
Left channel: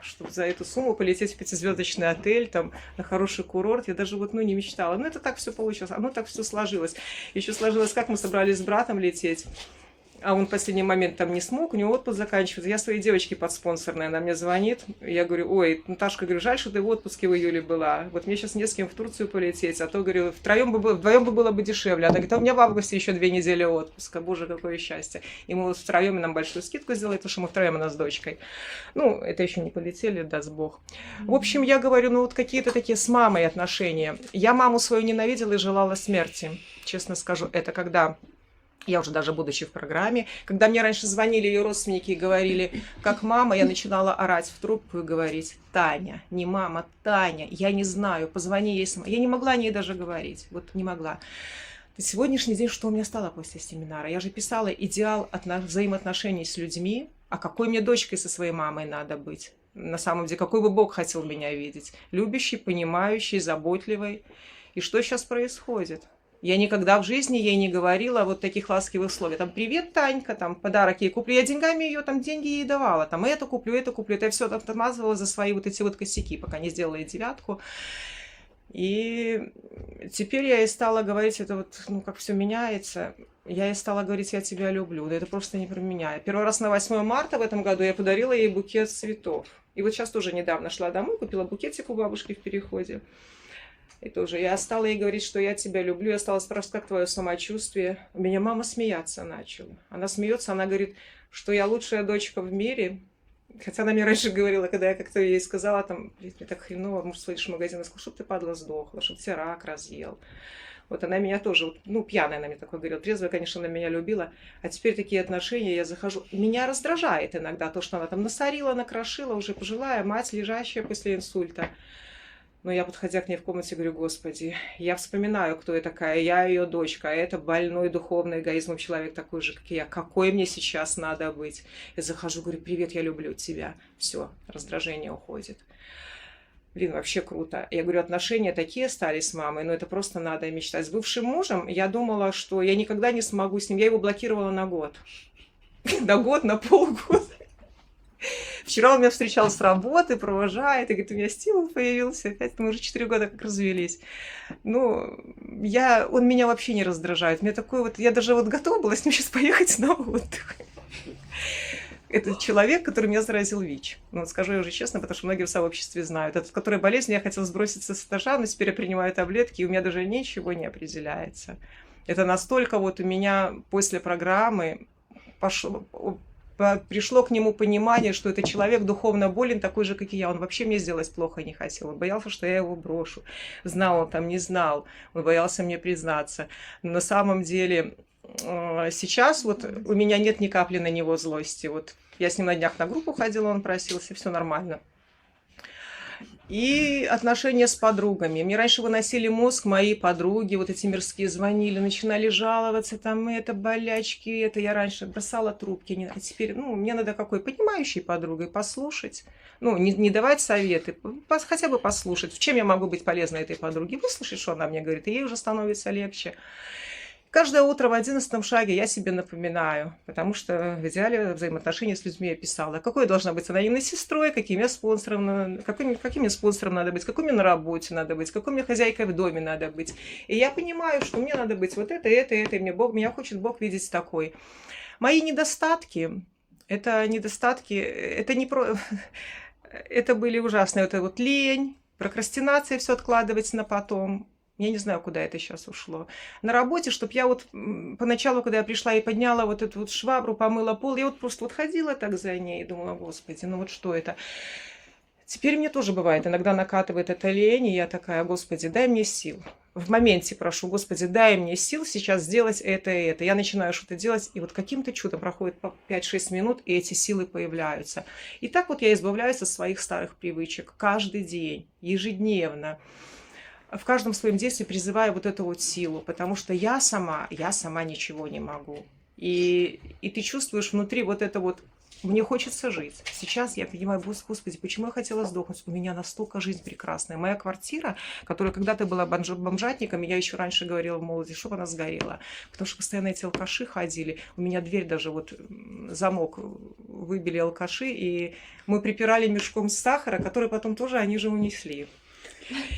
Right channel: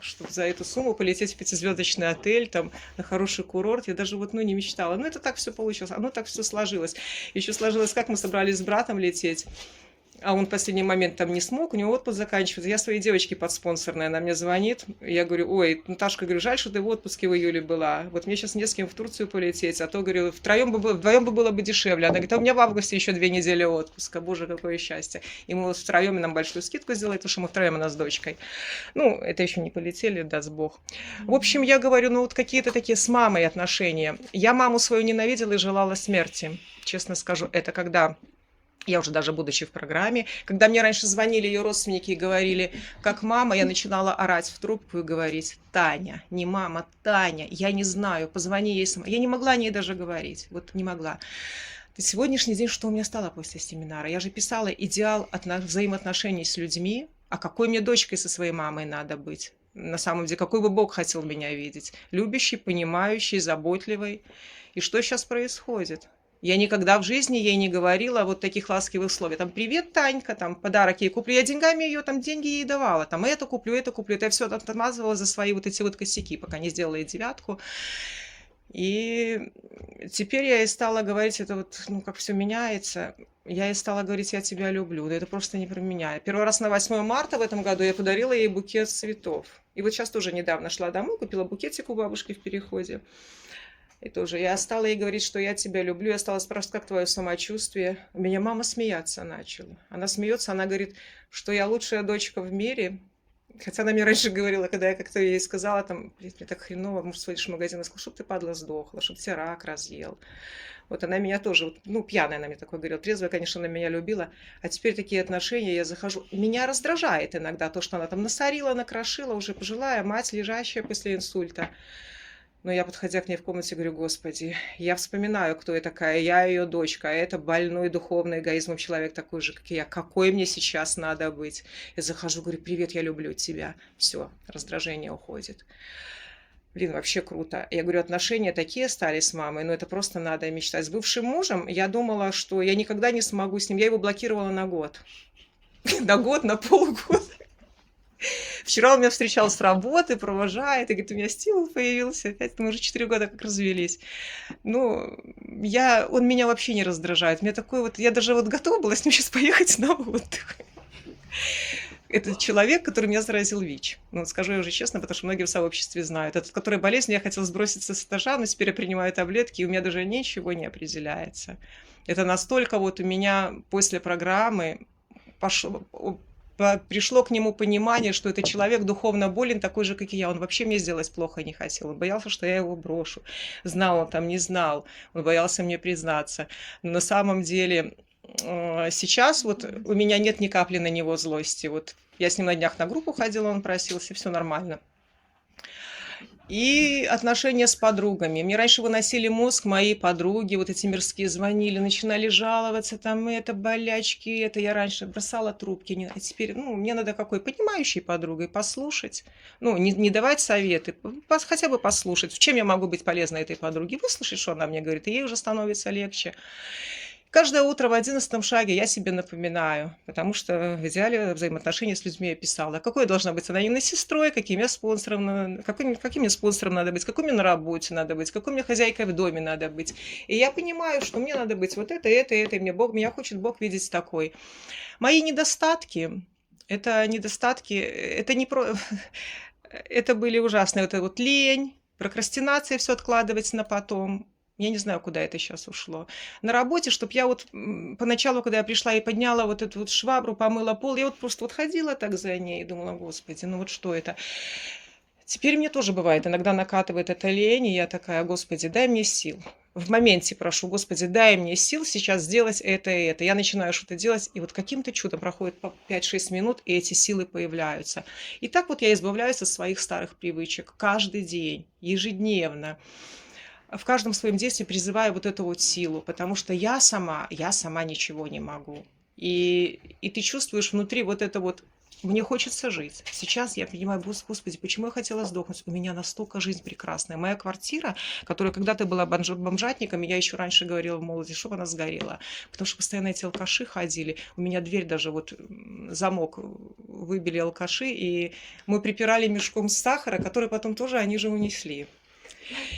Чтобы за эту сумму полететь в 5-звездочный отель, там, на хороший курорт. Я даже вот, ну, не мечтала. Ну, это так все получилось. Оно так все сложилось. Еще сложилось, как мы собрались с братом лететь. А он в последний момент там не смог, у него отпуск заканчивается. Я своей девочке подспонсорная, она мне звонит. Я говорю, ой, Наташка, говорю, жаль, что ты в отпуске в июле была. Вот мне сейчас не с кем в Турцию полететь, а то, говорю, вдвоем бы было бы дешевле. Она говорит, а у меня в августе еще 2 недели отпуска. Боже, какое счастье. И мы вот втроем, нам большую скидку сделали, потому что мы втроем у нас с дочкой. Ну, это еще не полетели, даст Бог. В общем, я говорю, ну вот какие-то такие с мамой отношения. Я маму свою ненавидела и желала смерти. Честно скажу, это когда... Я уже даже будучи в программе, когда мне раньше звонили ее родственники и говорили, как мама, я начинала орать в трубку и говорить, Таня, не мама, Таня, я не знаю, позвони ей сама. Я не могла о ней даже говорить, вот не могла. Сегодняшний день, что у меня стало после семинара? Я же писала идеал взаимоотношений с людьми, а какой мне дочкой со своей мамой надо быть? На самом деле, какой бы Бог хотел меня видеть? Любящий, понимающий, заботливый. И что сейчас происходит? Я никогда в жизни ей не говорила вот таких ласковых слов. Там, привет, Танька, там, подарок ей куплю. Я деньгами ее, там, деньги ей давала. Там, это куплю. Это я все отмазывала за свои вот эти вот косяки, пока не сделала ей 9. И теперь я ей стала говорить, это вот, ну, как все меняется. Я ей стала говорить, я тебя люблю. Да это просто не про меня. Первый раз на 8 марта в этом году я подарила ей букет цветов. И вот сейчас тоже недавно шла домой, купила букетик у бабушки в переходе. И тоже я стала ей говорить, что я тебя люблю. Я стала спрашивать, как твое самочувствие. У меня мама смеяться начала. Она смеется, она говорит, что я лучшая дочка в мире. Хотя она мне раньше говорила, когда я как-то ей сказала, там, мне так хреново, может, сходишь в магазин, она сказала, чтобы ты, падла, сдохла, чтобы тебя рак разъел. Вот она меня тоже, ну, пьяная она мне такое говорила. Трезвая, конечно, она меня любила. А теперь такие отношения, я захожу. Меня раздражает иногда то, что она там насорила, накрошила, уже пожилая мать, лежащая после инсульта. Но я, подходя к ней в комнате, говорю, Господи, я вспоминаю, кто я такая, я ее дочка, а это больной духовный эгоизмом человек такой же, как и я. Какой мне сейчас надо быть? Я захожу, говорю, привет, я люблю тебя. Все, раздражение уходит. Блин, вообще круто. Я говорю, отношения такие стали с мамой, но это просто надо мечтать. С бывшим мужем я думала, что я никогда не смогу с ним. Я его блокировала на год. На год, на полгода. Вчера он меня встречал с работы, провожает, и говорит, у меня стимул появился, опять мы уже 4 года как развелись. Ну, он меня вообще не раздражает. Мне такой вот, я даже вот готова была с ним сейчас поехать на отдых. Это человек, который меня заразил ВИЧ. Ну, скажу я уже честно, потому что многие в сообществе знают. Этот, который болезнь, я хотела сброситься с этажа, но теперь я принимаю таблетки, и у меня даже ничего не определяется. Это настолько вот у меня после программы пришло к нему понимание, что это человек духовно болен, такой же, как и я. Он вообще мне сделать плохо не хотел. Он боялся, что я его брошу. Знал он там, не знал. Он боялся мне признаться. Но на самом деле сейчас вот у меня нет ни капли на него злости. Вот я с ним на днях на группу ходила, он просился, все нормально. И отношения с подругами. Мне раньше выносили мозг мои подруги, вот эти мирские звонили, начинали жаловаться, там это, болячки, это. Я раньше бросала трубки, а теперь, ну, мне надо какой понимающей подругой послушать, ну, не давать советы, хотя бы послушать, в чем я могу быть полезна этой подруге, выслушать, что она мне говорит, и ей уже становится легче. Каждое утро в 11 шаге я себе напоминаю, потому что в идеале взаимоотношения с людьми я писала. Какой должна быть анонимной сестрой, каким я спонсором, каким мне спонсором надо быть, какой мне на работе надо быть, какой мне хозяйкой в доме надо быть. И я понимаю, что мне надо быть вот это, и мне меня хочет Бог видеть такой. Мои недостатки, это не про... Это были ужасные, это вот лень, прокрастинация, все откладывать на потом. Я не знаю, куда это сейчас ушло. На работе, чтобы я вот поначалу, когда я пришла и подняла вот эту вот швабру, помыла пол, я вот просто вот ходила так за ней и думала, господи, ну вот что это? Теперь мне тоже бывает, иногда накатывает эта лень, и я такая, господи, дай мне сил. В моменте прошу, господи, дай мне сил сейчас сделать это и это. Я начинаю что-то делать, и вот каким-то чудом проходит 5-6 минут, и эти силы появляются. И так вот я избавляюсь от своих старых привычек каждый день, ежедневно. В каждом своем действии призываю вот эту вот силу, потому что я сама ничего не могу. И ты чувствуешь внутри вот это вот, мне хочется жить. Сейчас я понимаю, господи, почему я хотела сдохнуть? У меня настолько жизнь прекрасная. Моя квартира, которая когда-то была бомжатником, я еще раньше говорила в молодости, чтобы она сгорела. Потому что постоянно эти алкаши ходили. У меня дверь даже вот, замок выбили алкаши, и мы припирали мешком сахара, который потом тоже они же унесли.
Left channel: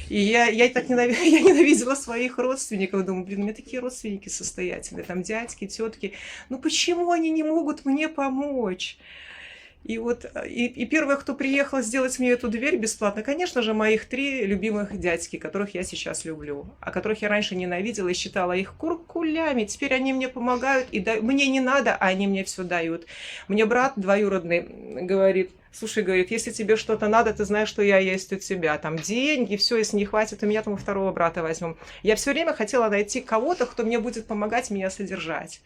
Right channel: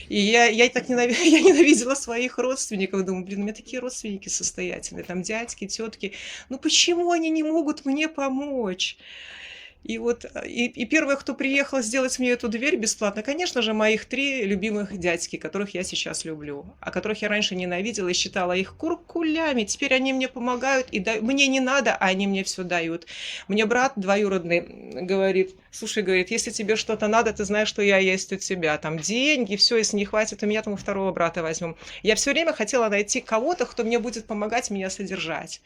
И я так ненавидела своих родственников. Думаю, блин, у меня такие родственники состоятельные, там дядьки, тетки. Ну почему они не могут мне помочь? И вот, и первое, кто приехал сделать мне эту дверь бесплатно, конечно же, моих 3 любимых дядьки, которых я сейчас люблю, а которых я раньше ненавидела и считала их куркулями. Теперь они мне помогают, и мне не надо, а они мне все дают. Мне брат двоюродный говорит, слушай, говорит, если тебе что-то надо, ты знаешь, что я есть у тебя. Там деньги, все, если не хватит, у меня там второго брата возьмем. Я все время хотела найти кого-то, кто мне будет помогать меня содержать.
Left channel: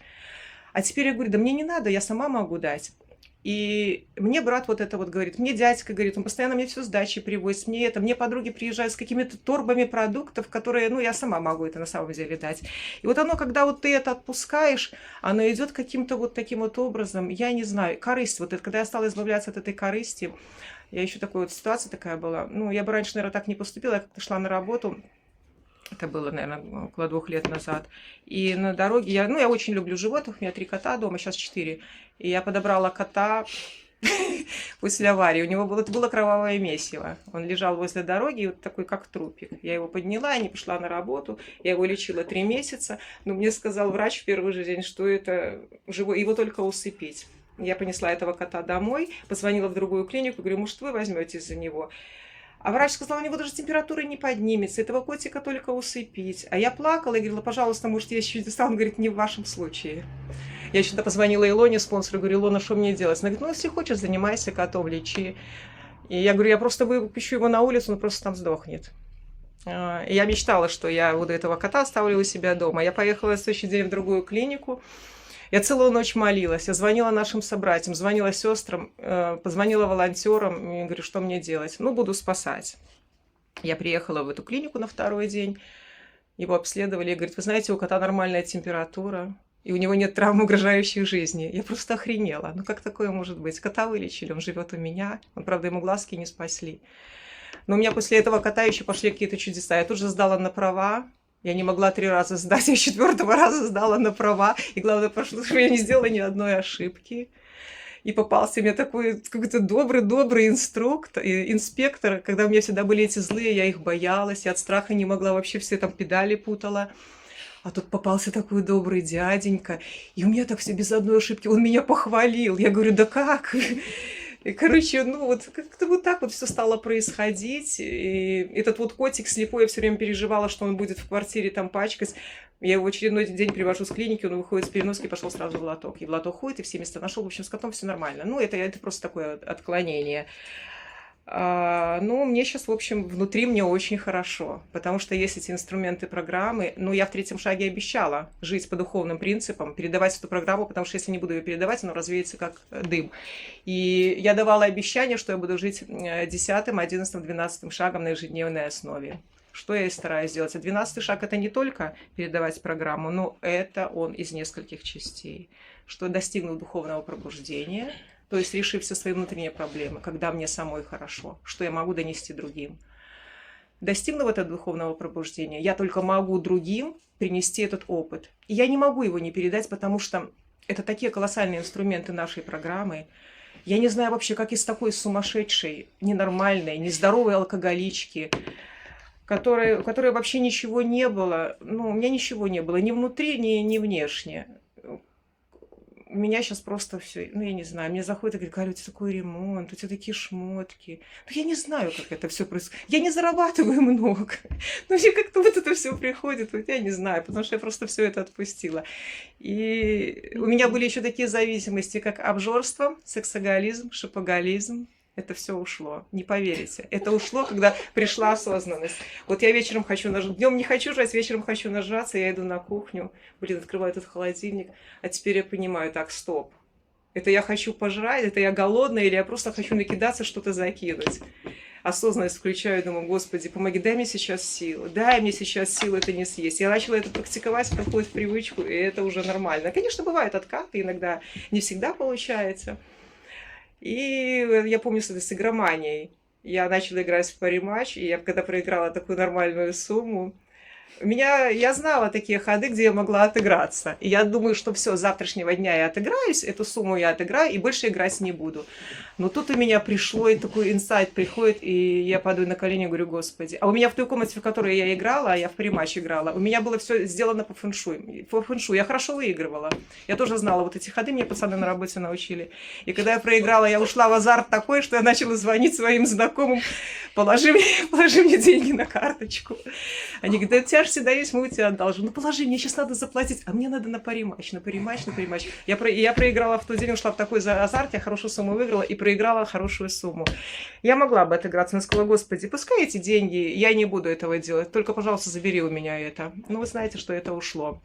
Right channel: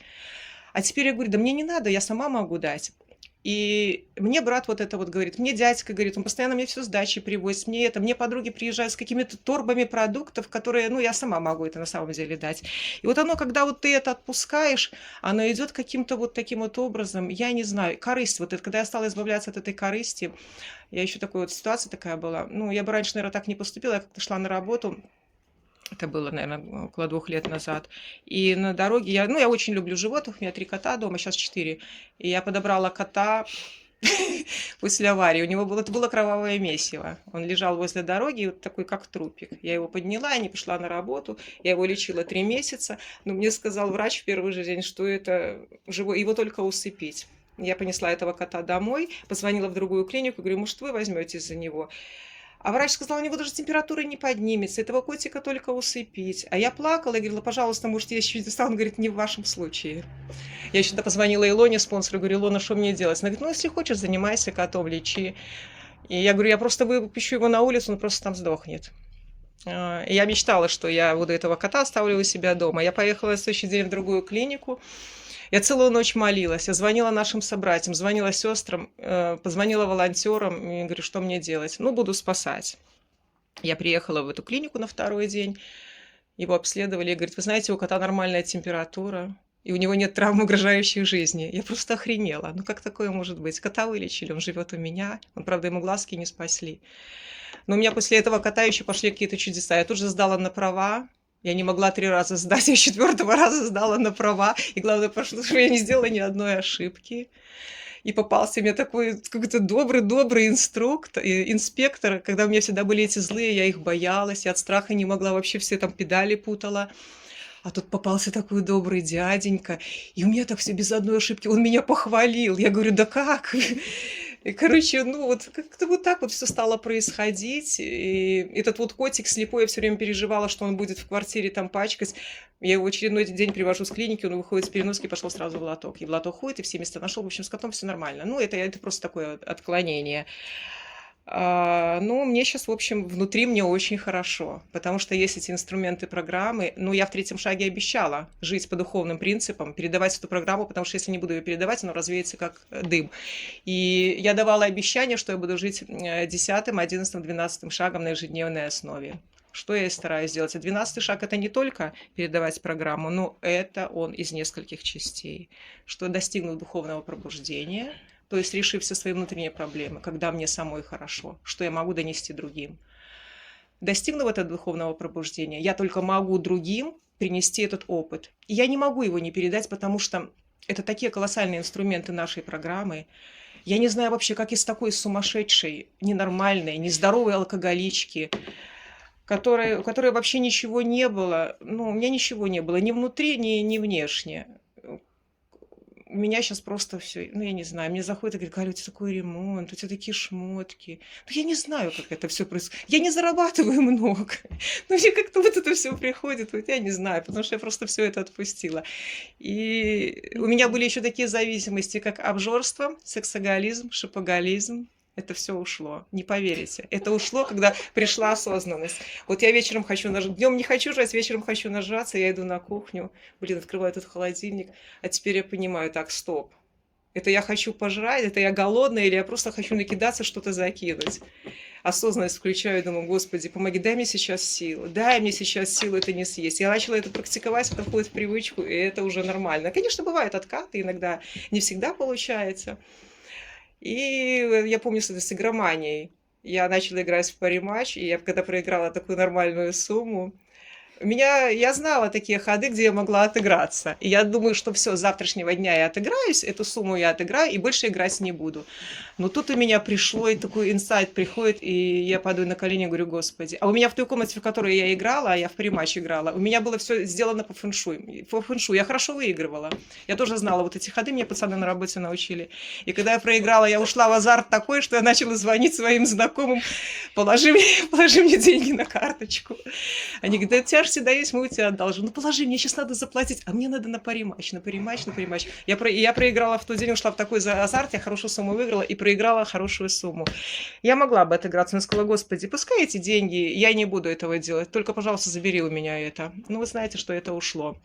А теперь я говорю, да мне не надо, я сама могу дать. И мне брат вот это вот говорит, мне дядька говорит, он постоянно мне все с дачи привозит, мне подруги приезжают с какими-то торбами продуктов, которые, ну, я сама могу это на самом деле дать. И вот оно, когда вот ты это отпускаешь, оно идет каким-то вот таким вот образом, я не знаю, корысть, вот это, когда я стала избавляться от этой корысти, я еще такой вот ситуация такая была, ну, я бы раньше, наверное, так не поступила, я как-то шла на работу, это было, наверное, около 2 лет назад. И на дороге я очень люблю животных, у меня 3 кота дома, сейчас 4. И я подобрала кота после аварии. У него это было кровавое месиво. Он лежал возле дороги, вот такой, как трупик. Я его подняла, не пошла на работу. Я его лечила 3 месяца. Но мне сказал врач в первый же день, что это живой, его только усыпить. Я понесла этого кота домой, позвонила в другую клинику, говорю, может, вы возьметесь за него? А врач сказал, у него даже температура не поднимется, этого котика только усыпить. А я плакала и говорила, пожалуйста, может, я еще не стала? Он говорит, не в вашем случае. Я еще позвонила Илоне, спонсору, говорю, Илона, что мне делать? Она говорит, ну, если хочешь, занимайся котом, лечи. И я говорю, я просто выпущу его на улицу, он просто там сдохнет. И я мечтала, что я буду этого кота оставлю у себя дома. Я поехала в следующий день в другую клинику. Я целую ночь молилась, я звонила нашим собратьям, звонила сестрам, позвонила волонтерам и говорю, что мне делать? Ну, буду спасать. Я приехала в эту клинику на 2-й день, его обследовали и говорит, вы знаете, у кота нормальная температура, и у него нет травм, угрожающих жизни. Я просто охренела. Ну, как такое может быть? Кота вылечили, он живет у меня, он, правда, ему глазки не спасли. Но у меня после этого кота еще пошли какие-то чудеса. Я тут же сдала на права. Я не могла 3 раза сдать, я 4-го раза сдала на права. И главное, потому что я не сделала ни одной ошибки. И попался мне такой какой-то добрый инспектор. Когда у меня всегда были эти злые, я их боялась. Я от страха не могла, вообще все там педали путала. А тут попался такой добрый дяденька. И у меня так все без одной ошибки. Он меня похвалил. Я говорю, да как? И, короче, ну вот как-то вот так вот все стало происходить. И этот вот котик слепой, я все время переживала, что он будет в квартире там пачкать. Я его в очередной день привожу с клиники, он выходит с переноски, пошел сразу в лоток. И в лоток ходит, и все места нашел. В общем, с котом все нормально. Ну, это просто такое отклонение. Ну, мне сейчас, в общем, внутри мне очень хорошо, потому что есть эти инструменты программы. Ну, я в третьем шаге обещала жить по духовным принципам, передавать эту программу, потому что если не буду ее передавать, она развеется как дым. И я давала обещание, что я буду жить 10-м, 11-м, 12-м шагом на ежедневной основе. Что я и стараюсь сделать. А 12-й шаг – это не только передавать программу, но это он из нескольких частей. Что я достигну духовного пробуждения, то есть решив все свои внутренние проблемы, когда мне самой хорошо, что я могу донести другим. Достигнув этого духовного пробуждения, я только могу другим принести этот опыт. И я не могу его не передать, потому что это такие колоссальные инструменты нашей программы. Я не знаю вообще, как из такой сумасшедшей, ненормальной, нездоровой алкоголички, у которой вообще ничего не было, ну, у меня ничего не было, ни внутри, ни внешне. У меня сейчас просто все, ну, я не знаю, мне заходит и говорит: Галя, у тебя такой ремонт, у тебя такие шмотки. Ну, я не знаю, как это все происходит. Я не зарабатываю много. Но мне как-то вот это все приходит, вот я не знаю, потому что я просто все это отпустила. И у меня были еще такие зависимости, как обжорство, сексоголизм, шопоголизм. Это все ушло, не поверите. Это ушло, когда пришла осознанность. Вот я вечером хочу нажраться, днем не хочу жрать, вечером хочу нажраться, я иду на кухню, открываю этот холодильник, а теперь я понимаю: так, стоп. Это я хочу пожрать, это я голодная, или я просто хочу накидаться, что-то закинуть. Осознанность включаю, думаю: Господи, помоги, дай мне сейчас силы, дай мне сейчас силы это не съесть. Я начала это практиковать, входит в привычку, и это уже нормально. Конечно, бывают откаты, иногда не всегда получается. И я помню с игроманией. Я начала играть в пари-матч, и я когда проиграла такую нормальную сумму, я знала такие ходы, где я могла отыграться. И я думаю, что все, с завтрашнего дня я отыграюсь, эту сумму я отыграю, и больше играть не буду. Но тут у меня пришло, и такой инсайт приходит, и я падаю на колени и говорю: Господи. А у меня в той комнате, в которой я играла, а я в пари-матч играла, у меня было все сделано по фэншуй. По фэншуй я хорошо выигрывала. Я тоже знала вот эти ходы, мне пацаны на работе научили. И когда я проиграла, я ушла в азарт такой, что я начала звонить своим знакомым: положи мне деньги на карточку. Они говорят: да у тебя же всегда есть, мы у тебя одолжим. Ну положи, мне сейчас надо заплатить, а мне надо на пари-матч. Я проиграла в тот день, ушла в такой азарт, я хорошую сумму выиграла и проиграла хорошую сумму. Я могла бы отыграться, но сказала: Господи, пускай эти деньги, я не буду этого делать, только, пожалуйста, забери у меня это. Ну, вы знаете, что это ушло.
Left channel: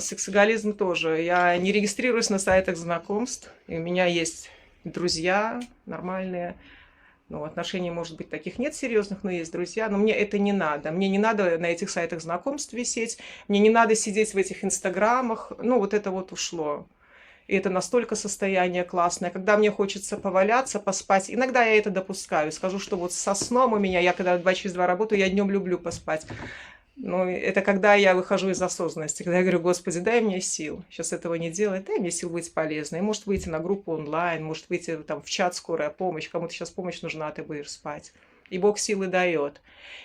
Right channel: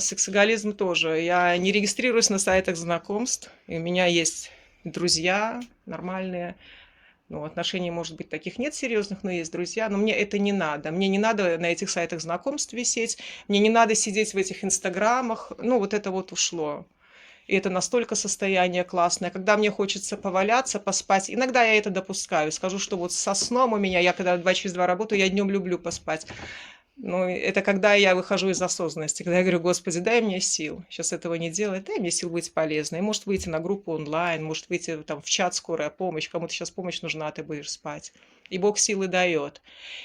Сексоголизм тоже. Я не регистрируюсь на сайтах знакомств, и у меня есть друзья нормальные. Ну, отношений, может быть, таких нет серьезных, но есть друзья. Но мне это не надо. Мне не надо на этих сайтах знакомств висеть. Мне не надо сидеть в этих инстаграмах. Ну, вот это вот ушло. И это настолько состояние классное. Когда мне хочется поваляться, поспать, иногда я это допускаю. Скажу, что вот со сном у меня, я когда 2 через 2 работаю, я днем люблю поспать. Ну, это когда я выхожу из осознанности, когда я говорю: Господи, дай мне сил сейчас этого не делать, дай мне сил быть полезной. Может выйти на группу онлайн, может выйти там в чат «Скорая помощь», кому-то сейчас помощь нужна, а ты будешь спать. И Бог силы дает.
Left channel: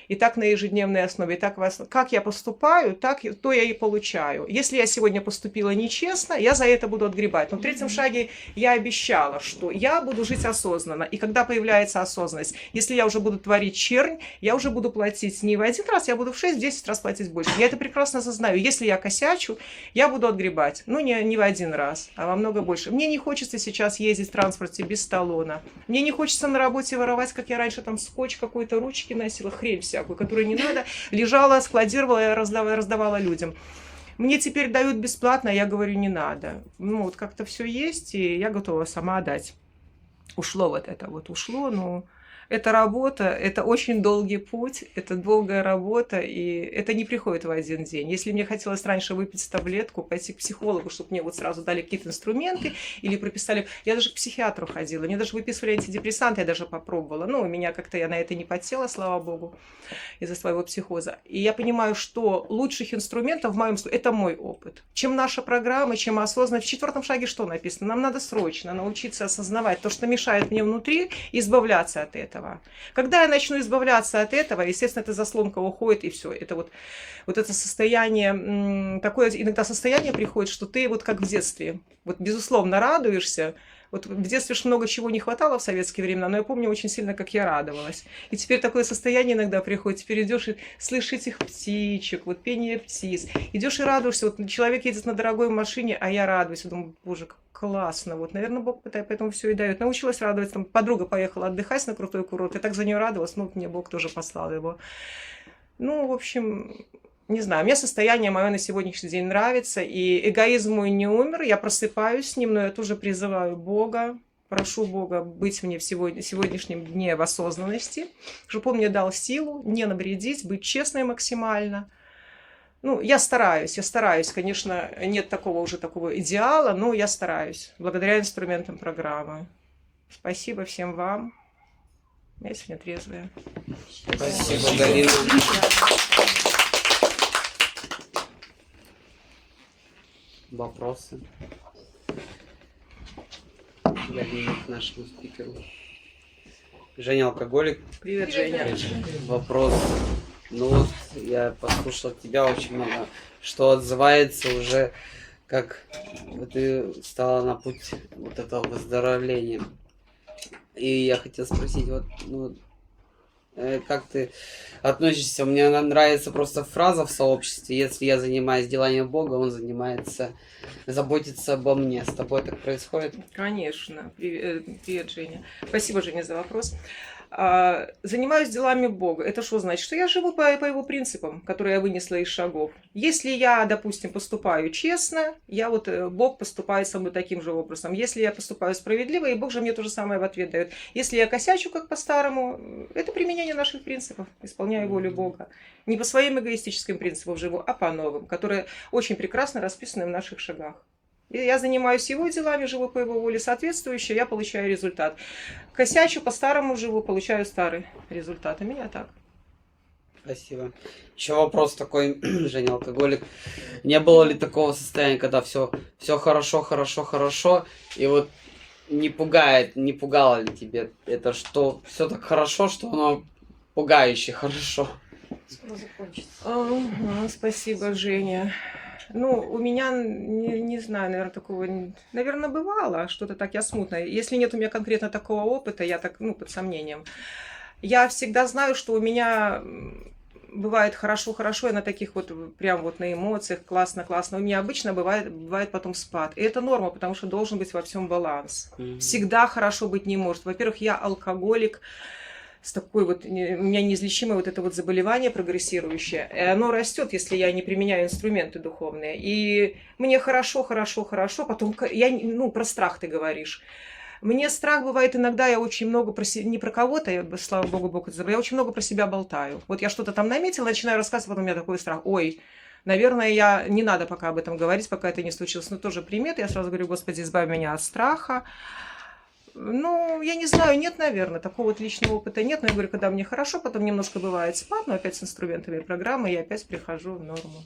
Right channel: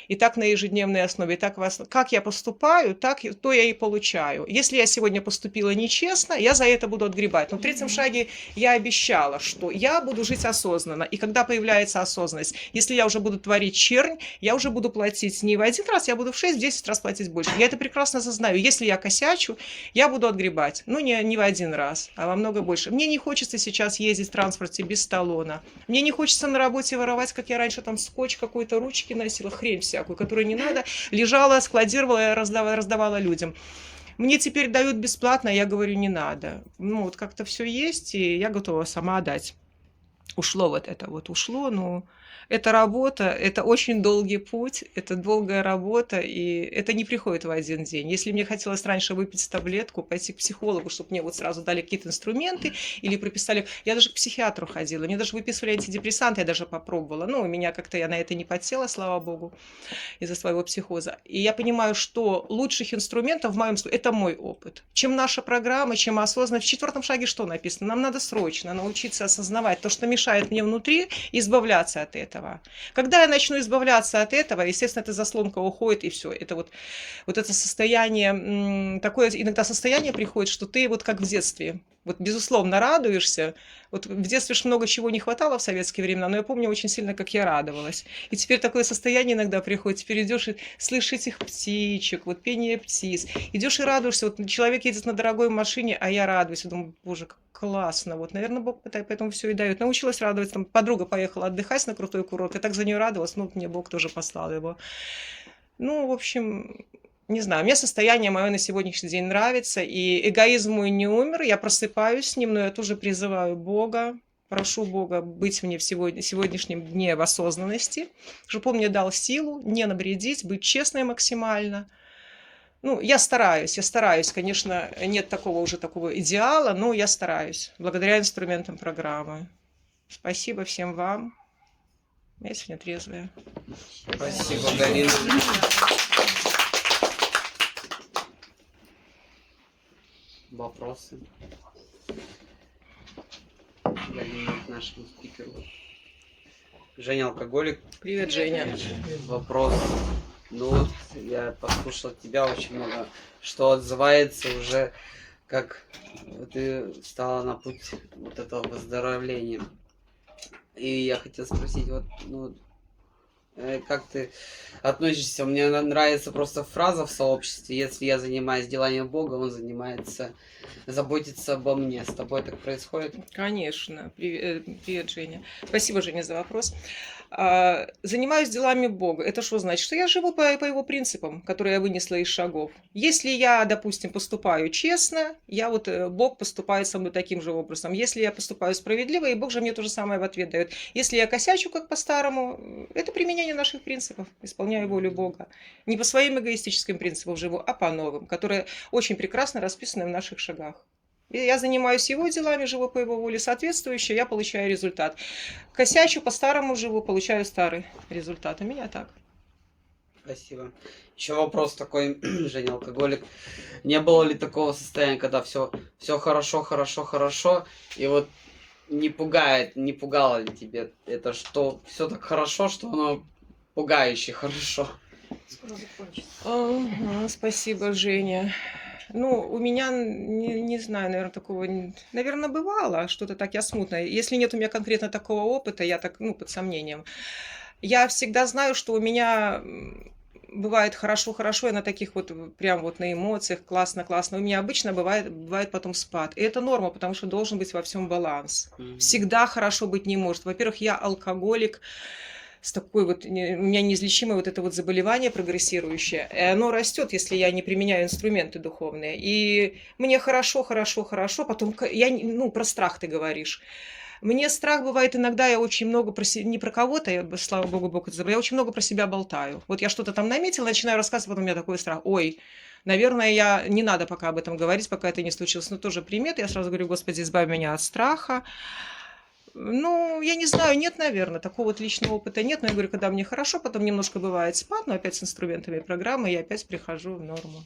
И так на ежедневной основе. И так как я поступаю, то я и получаю. Если я сегодня поступила нечестно, я за это буду отгребать. Но в третьем шаге я обещала, что я буду жить осознанно. И когда появляется осознанность, если я уже буду творить чернь, я уже буду платить не в 1 раз, я буду в 6-10 раз платить больше. Я это прекрасно осознаю. Если я косячу, я буду отгребать. Ну, не в 1 раз, а во много больше. Мне не хочется сейчас ездить в транспорте без талона. Мне не хочется на работе воровать, как я раньше там скотч какой-то, ручки носила, хрень всякую, которую не надо, лежала, складировала, раздавала людям. Мне теперь дают бесплатно, а я говорю: не надо. Ну, вот как-то все есть, и я готова сама отдать. Ушло вот это, но это работа, это очень долгий путь, это долгая работа, и это не приходит в 1 день. Если мне хотелось раньше выпить таблетку, пойти к психологу, чтобы мне вот сразу дали какие-то инструменты или прописали... Я даже к психиатру ходила, мне даже выписывали антидепрессанты, я даже попробовала. Ну, у меня как-то я на это не подсела, слава богу, из-за своего психоза. И я понимаю, что лучших инструментов в моем случае это мой опыт. Чем наша программа, чем осознанность. В 4 шаге что написано? Нам надо срочно научиться осознавать то, что мешает мне внутри, и избавляться от этого. Когда я начну избавляться от этого, естественно, эта заслонка уходит, и все. Это вот это состояние, такое иногда состояние приходит, что ты вот как в детстве, вот безусловно радуешься, Вот в детстве ж много чего не хватало в советские времена, но я помню очень сильно, как я радовалась. И теперь такое состояние иногда приходит. Теперь идешь и слышишь этих птичек, вот пение птиц. Идешь и радуешься. Вот человек едет на дорогой машине, а я радуюсь. Я думаю, боже, как классно. Вот, наверное, Бог поэтому все и дает. Научилась радоваться. Там подруга поехала отдыхать на крутой курорт. Я так за нее радовалась. Ну, мне Бог тоже послал его. Ну, в общем, не знаю, мне состояние мое на сегодняшний день нравится, и эгоизм мой не умер, я просыпаюсь с ним, но я тоже призываю Бога, прошу Бога быть мне в сегодняшнем дне в осознанности, чтобы Он мне дал силу не навредить, быть честной максимально. Ну, я стараюсь, конечно, нет такого идеала, но я стараюсь, благодаря инструментам программы. Спасибо всем вам. Я сегодня трезвая. Спасибо, Галина. Вопросы? Галина к нашему спикеру. Женя алкоголик. Привет, Женя. Вопрос. Ну вот, я послушал от тебя очень много, что отзывается уже, как ты стала на путь вот этого выздоровления. И я хотел спросить, вот, ну, как ты относишься? Мне нравится просто фраза в сообществе: если я занимаюсь деланием Бога, Он заботится обо мне. С тобой так происходит? Конечно. Привет, Женя. Спасибо, Женя, за вопрос. Занимаюсь делами Бога. Это что значит? Что я живу по его принципам, которые я вынесла из шагов. Если я, допустим, поступаю честно, Бог поступает со мной таким же образом. Если я поступаю справедливо, и Бог же мне то же самое в ответ дает. Если я косячу, как по-старому, это применение наших принципов. Исполняю волю Бога. Не по своим эгоистическим принципам живу, а по новым, которые очень прекрасно расписаны в наших шагах. Я занимаюсь его делами, живу по его воле, соответствующе, я получаю результат. Косячу, по-старому живу, получаю старый результат. У меня так. Спасибо. Еще вопрос такой, Женя алкоголик. Не было ли такого состояния, когда все хорошо, и вот не пугало ли тебе это, что все так хорошо, что оно пугающе хорошо? Скоро закончится. Спасибо, Женя. Ну, у меня, не знаю, наверное, такого, наверное, бывало, что-то так я смутно. Если нет у меня конкретно такого опыта, я так, под сомнением. Я всегда знаю, что у меня бывает хорошо, я на таких прям на эмоциях, классно. У меня обычно бывает потом спад. И это норма, потому что должен быть во всем баланс. Всегда хорошо быть не может. Во-первых, я алкоголик, с такой у меня неизлечимое это заболевание прогрессирующее, и оно растет, если я не применяю инструменты духовные. И мне хорошо, потом про страх ты говоришь. Мне страх бывает иногда, я очень много не про кого-то, слава богу, Бог это забыл, я очень много про себя болтаю. Вот я что-то там наметила, начинаю рассказывать, вот у меня такой страх. Ой, наверное, не надо пока об этом говорить, пока это не случилось. Но тоже примет, я сразу говорю: Господи, избавь меня от страха. Ну, я не знаю, нет, наверное, такого личного опыта нет. Но я говорю, когда мне хорошо, потом немножко бывает спад, но опять с инструментами программы я опять прихожу в норму.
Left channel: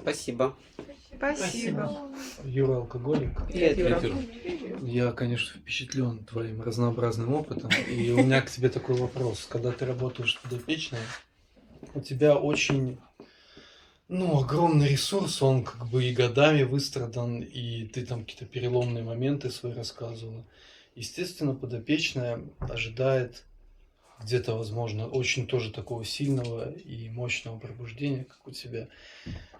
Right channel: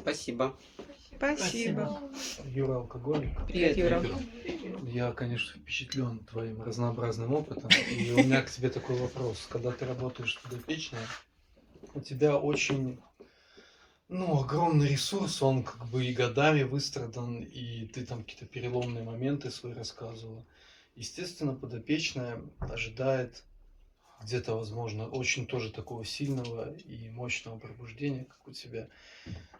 Спасибо. Спасибо. Юра алкоголик. Привет, Юра. Я, конечно, впечатлен твоим разнообразным опытом. И у меня к тебе такой вопрос. Когда ты работаешь с подопечной, у тебя очень... огромный ресурс, он и годами выстрадан, и ты там какие-то переломные моменты свои рассказывала. Естественно, подопечная ожидает где-то, возможно, очень тоже такого сильного и мощного пробуждения, как у тебя.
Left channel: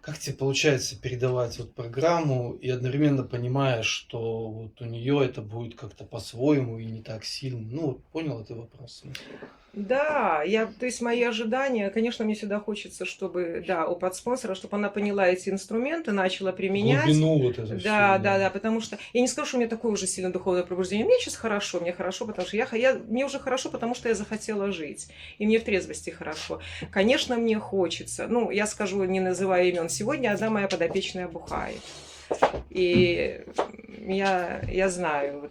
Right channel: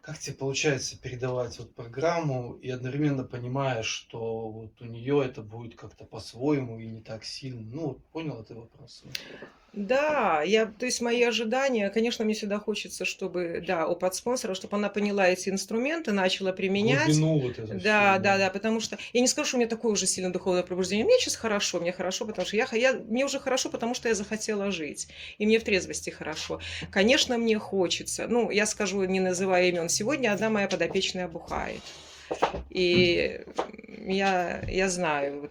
Как тебе получается передавать программу и одновременно понимая, что у нее это будет как-то по-своему и не так сильно? Понял ты вопрос? Да, то есть мои ожидания, конечно, мне всегда хочется, чтобы, опыт спонсора, чтобы она поняла эти инструменты, начала применять. Глубину эту Да, потому что я не скажу, что у меня такое уже сильное духовное пробуждение. Мне сейчас хорошо, потому что мне уже хорошо, потому что я захотела жить, и мне в трезвости хорошо. Конечно, мне хочется, я скажу, не называя имен, сегодня одна моя подопечная бухает. И я знаю,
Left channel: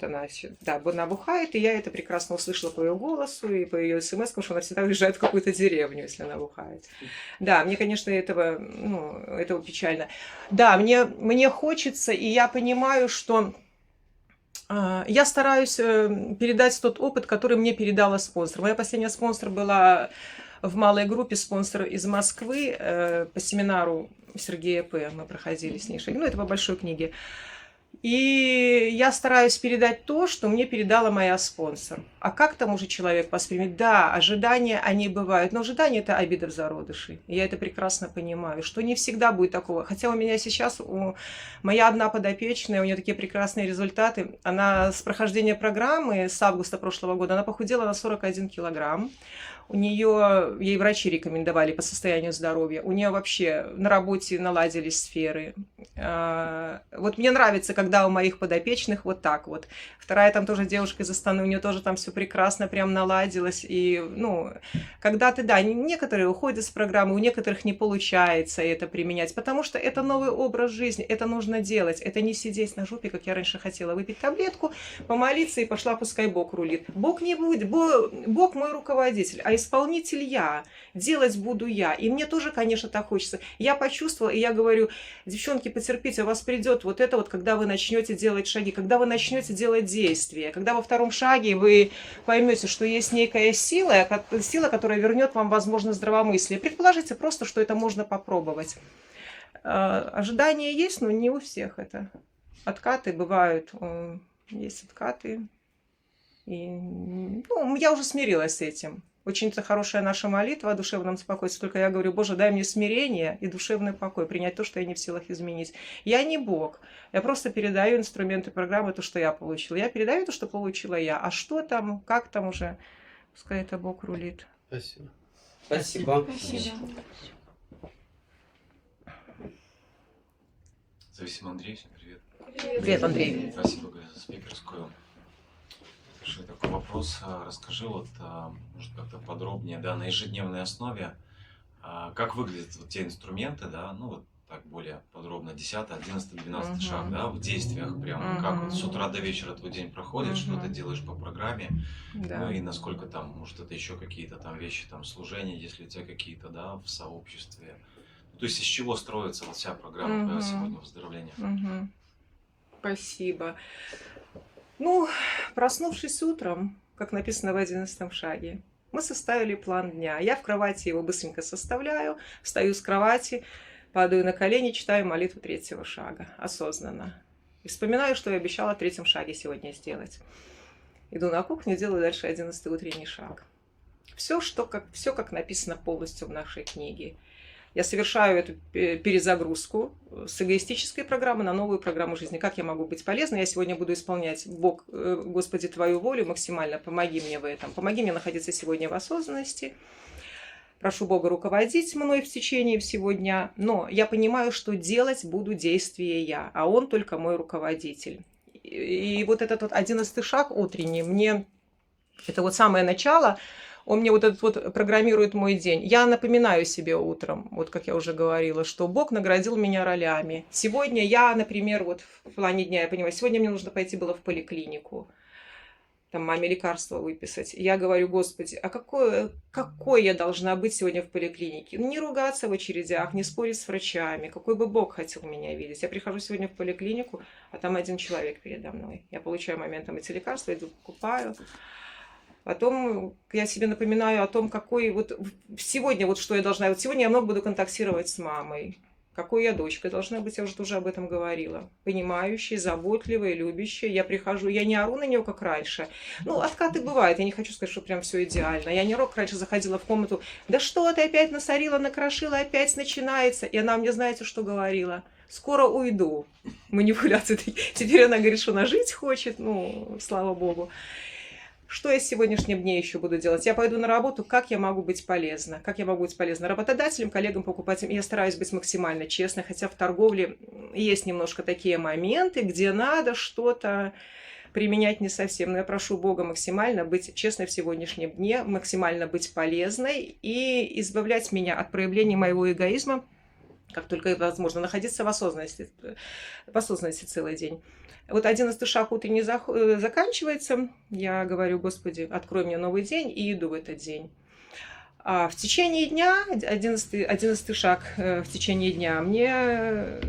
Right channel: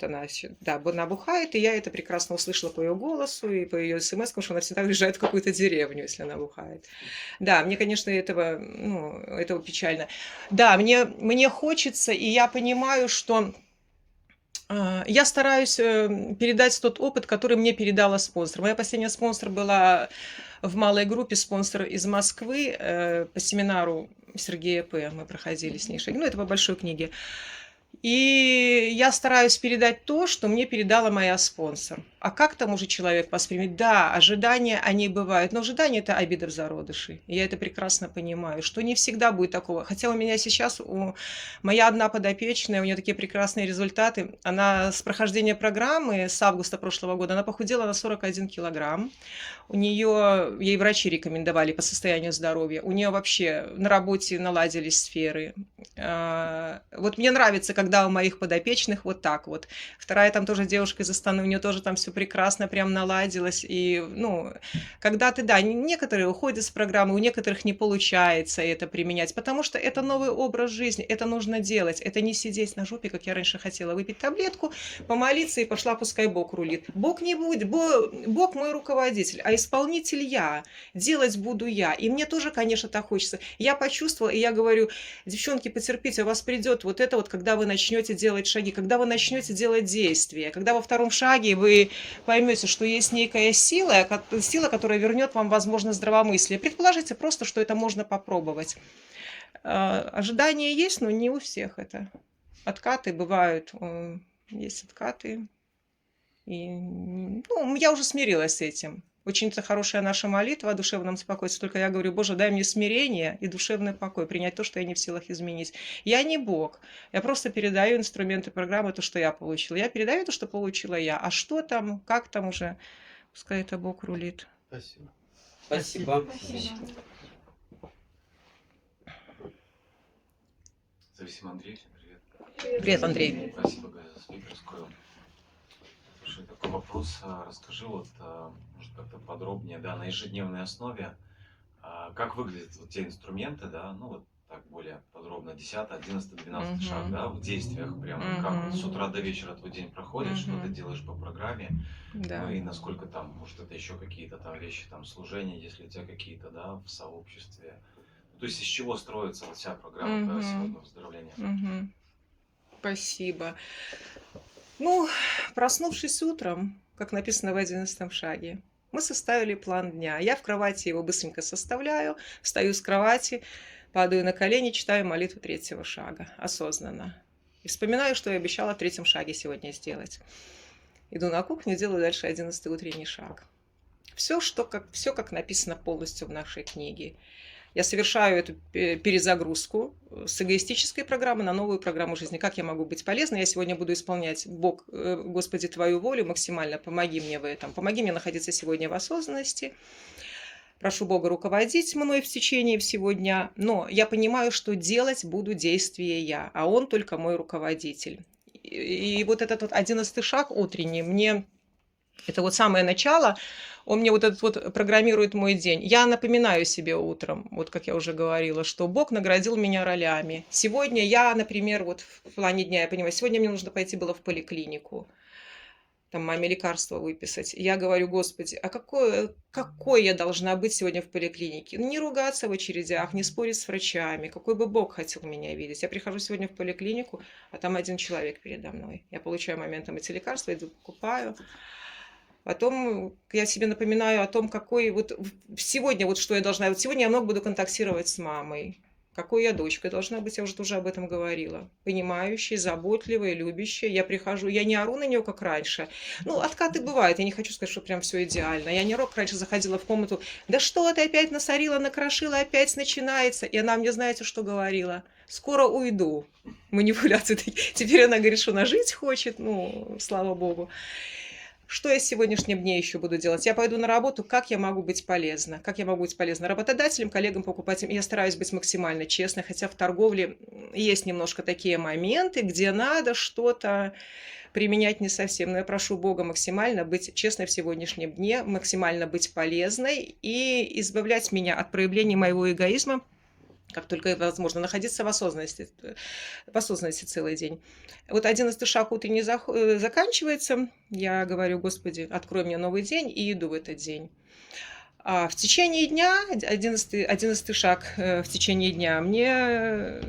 она бухает, и я это прекрасно услышала по ее голосу и по ее смс, потому что она всегда уезжает в какую-то деревню, если она бухает. Да, мне, конечно, этого печально. Да, мне хочется, и я понимаю, что я стараюсь передать тот опыт, который мне передала спонсор. Моя последняя спонсор была в малой группе, спонсор из Москвы по семинару Сергея П. Мы проходили с ней. Это по большой книге. И я стараюсь передать то, что мне передала моя спонсор. А как там уже человек воспримет? Да, ожидания, они бывают. Но ожидания – это обида в зародыше. Я это прекрасно понимаю, что не всегда будет такого. Хотя у меня сейчас, моя одна подопечная, у нее такие прекрасные результаты. Она с прохождения программы с августа прошлого года, она похудела на 41 килограмм. У нее, ей врачи рекомендовали по состоянию здоровья. У нее вообще на работе наладились сферы. Вот мне нравится, когда у моих подопечных вот так вот. Вторая там тоже девушка из Астаны, у нее тоже там все прекрасно прям наладилось. И, ну, когда ты, да, некоторые уходят с программы, у некоторых не получается это применять, потому что это новый образ жизни, это нужно делать. Это не сидеть на жопе, как я раньше хотела, выпить таблетку, помолиться и пошла, пускай Бог рулит. Бог не будет, Бог мой руководитель, а исполнитель я, делать буду я. И мне тоже, конечно, так хочется. Я почувствовала, и я говорю, девчонки, потерпите, у вас придет вот это вот, когда вы начнете делать шаги, когда вы начнете делать действия, когда во втором шаге вы поймете, что есть некая сила, которая вернет вам, возможно, здравомыслие. Предположите просто, что это можно попробовать. Ожидания есть, но не у всех это. Откаты бывают, есть откаты. И, ну, я уже смирилась с этим. Очень-то хорошая наша молитва о душевном спокойствии. Только я говорю, Боже, дай мне смирение и душевный покой, принять то, что я не в силах изменить. Я не Бог. Я просто передаю инструменты программы, то, что я получила. Я передаю то, что получила я. А что там, как там уже, пускай это Бог рулит. Спасибо. Спасибо. Спасибо. Зависим Андрей, всем привет. Привет, Андрей. Спасибо, Галя, за спикерскую. Слушай, такой вопрос. Расскажи вот, может, как-то подробнее, да, на ежедневной основе, как выглядят вот те инструменты, да, ну вот так более подробно, 10, 11, 12 шаг, да, в действиях прям, как вот с утра до вечера твой день проходит, что ты делаешь по программе, Да. ну и насколько там, может, это еще какие-то там вещи, там, служения, если у тебя какие-то, да, в сообществе. То есть из чего строится вот вся программа твоя сегодня выздоровления? Спасибо. Ну, проснувшись утром, как написано в 11 шаге, мы составили план дня. Я в кровати его быстренько составляю, встаю с кровати, падаю на колени, читаю молитву 3-го шага осознанно. И вспоминаю, что я обещала в 3-м шаге сегодня сделать. Иду на кухню, делаю дальше 11-й утренний шаг. Все, как написано полностью в нашей книге. Я совершаю эту перезагрузку с эгоистической программы на новую программу жизни. Как я могу быть полезной? Я сегодня буду исполнять, Бог, Господи, Твою волю максимально. Помоги мне в этом. Помоги мне находиться сегодня в осознанности. Прошу Бога руководить мной в течение всего дня. Но я понимаю, что делать буду действия я, а Он только мой руководитель. И вот этот вот 11-й шаг утренний, мне это вот самое начало, он мне вот этот вот программирует мой день. Я напоминаю себе утром, вот как я уже говорила, что Бог наградил меня ролями. Сегодня я, например, вот в плане дня, я понимаю, сегодня мне нужно пойти было в поликлинику, там маме лекарства выписать. Я говорю, Господи, а какой я должна быть сегодня в поликлинике? Ну, не ругаться в очередях, не спорить с врачами. Какой бы Бог хотел меня видеть? Я прихожу сегодня в поликлинику, а там один человек передо мной. Я получаю моментом эти лекарства, иду покупаю. Потом я себе напоминаю о том, какой вот сегодня, вот что я должна... Вот сегодня я много буду контактировать с мамой. Какой я дочкой должна быть, я уже тоже об этом говорила. Понимающая, заботливая, любящая. Я прихожу, я не ору на нее, как раньше. Ну, откаты бывают, я не хочу сказать, что прям все идеально. Я не ору, как раньше заходила в комнату. Да что ты опять насорила, накрошила, опять начинается. И она мне, знаете, что говорила? Скоро уйду. Манипуляции. Теперь она говорит, что она жить хочет. Ну, слава Богу. Что я с сегодняшним днем еще буду делать? Я пойду на работу, как я могу быть полезна? Как я могу быть полезна работодателям, коллегам, покупателям? Я стараюсь быть максимально честной, хотя в торговле есть немножко такие моменты, где надо что-то применять не совсем. Но я прошу Бога максимально быть честной в сегодняшнем дне, максимально быть полезной и избавлять меня от проявления моего эгоизма, как только это возможно, находиться в осознанности целый день. Вот 11-й шаг утренний заканчивается. Я говорю, Господи, открой мне новый день, и иду в этот день. А в течение дня, 11-й шаг в течение дня,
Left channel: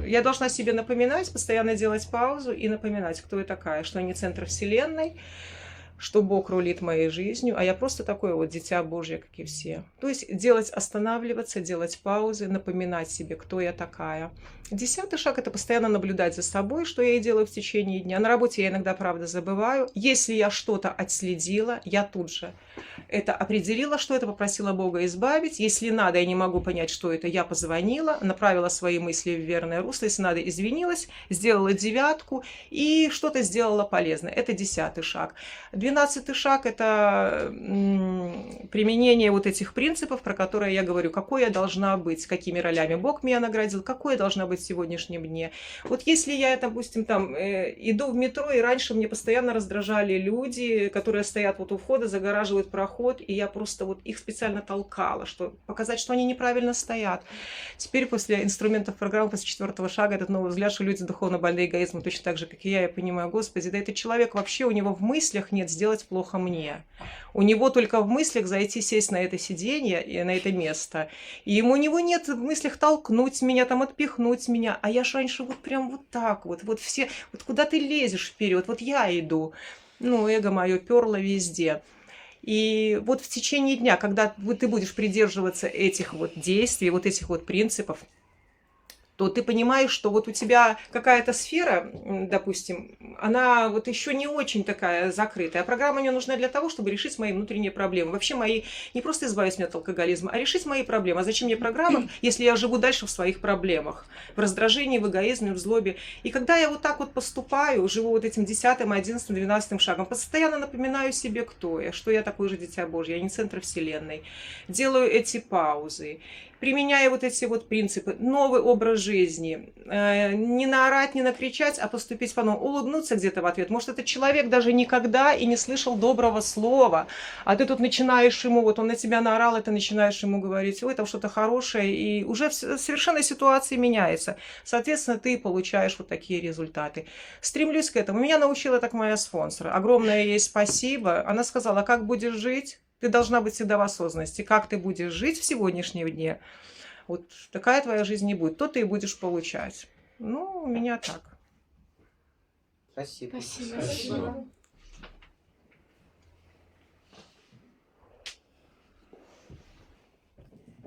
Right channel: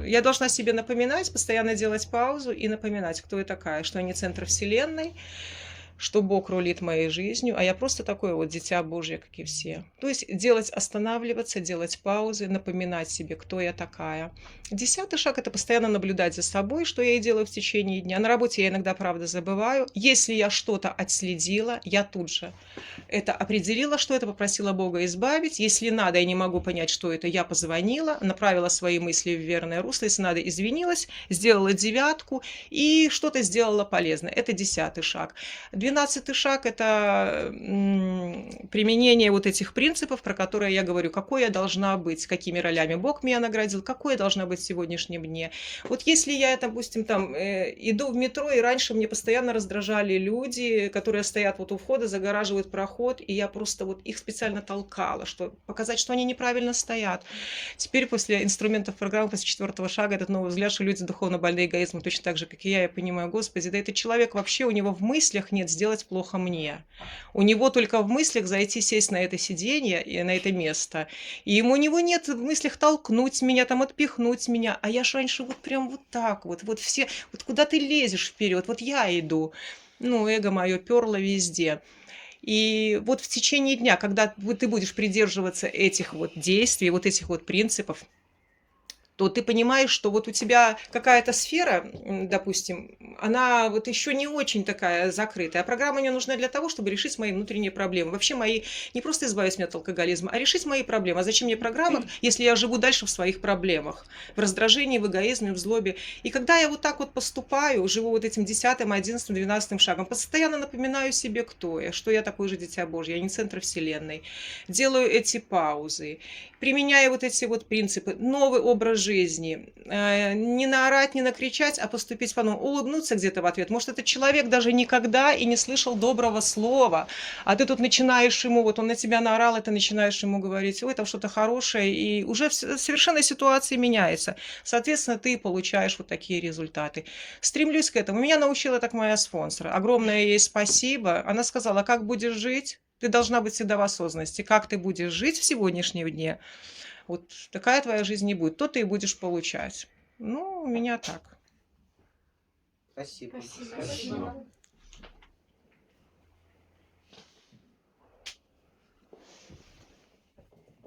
я должна себе напоминать, постоянно делать паузу и напоминать, кто я такая, что я не центр вселенной, что Бог рулит моей жизнью, а я просто такое вот дитя Божье, как и все. То есть останавливаться, делать паузы, напоминать себе, кто я такая. 10-й шаг – это постоянно наблюдать за собой, что я и делаю в течение дня. На работе я иногда, правда, забываю. Если я что-то отследила, я тут же это определила, что это, попросила Бога избавить. Если надо, я не могу понять, что это, я позвонила, направила свои мысли в верное русло. Если надо, извинилась, сделала 9 и что-то сделала полезное. Это 10-й шаг. 12-й шаг – это применение вот этих принципов, про которые я говорю, какой я должна быть, какими ролями Бог меня наградил, какой я должна быть в сегодняшнем дне. Вот если я, допустим, там иду в метро, и раньше мне постоянно раздражали люди, которые стоят вот у входа, загораживают проход, и я просто вот их специально толкала, чтобы показать, что они неправильно стоят. Теперь после инструментов программы, после 4-го шага, этот новый взгляд, что люди духовно больны эгоизмом, точно так же, как и я понимаю, Господи, да этот человек вообще, у него в мыслях нет сделать плохо мне. У него только в мыслях зайти, сесть на это сиденье и на это место. И у него нет в мыслях толкнуть меня, там отпихнуть меня. А я ж раньше вот прям вот так вот все, вот куда ты лезешь вперед, вот я иду. Ну, эго мое перло везде. И вот в течение дня, когда ты будешь придерживаться этих вот действий, вот этих вот принципов, то ты понимаешь, что вот у тебя какая-то сфера, допустим, она вот еще не очень такая закрытая. А программа мне нужна для того, чтобы решить мои внутренние проблемы. Вообще мои, не просто избавить меня от алкоголизма, а решить мои проблемы. А зачем мне программа, если я живу дальше в своих проблемах? В раздражении, в эгоизме, в злобе. И когда я вот так вот поступаю, живу вот этим 10-м, 11-м, 12-м шагом, постоянно напоминаю себе, кто я, что я такое же дитя Божье, я не центр вселенной. Делаю эти паузы. Применяя вот эти вот принципы, новый образ жизни, не наорать, не накричать, а поступить по-новому, улыбнуться где-то в ответ. Может, этот человек даже никогда и не слышал доброго слова, а ты тут начинаешь ему, вот он на тебя наорал, и ты начинаешь ему говорить, ой, там что-то хорошее, и уже совершенно ситуация меняется. Соответственно, ты получаешь вот такие результаты. Стремлюсь к этому. Меня научила так моя спонсор. Огромное ей спасибо. Она сказала, как будешь жить? Ты должна быть всегда в осознанности. Как ты будешь жить в сегодняшнем дне, вот такая твоя жизнь не будет. То ты и будешь получать. Ну, у меня так. Спасибо. Спасибо.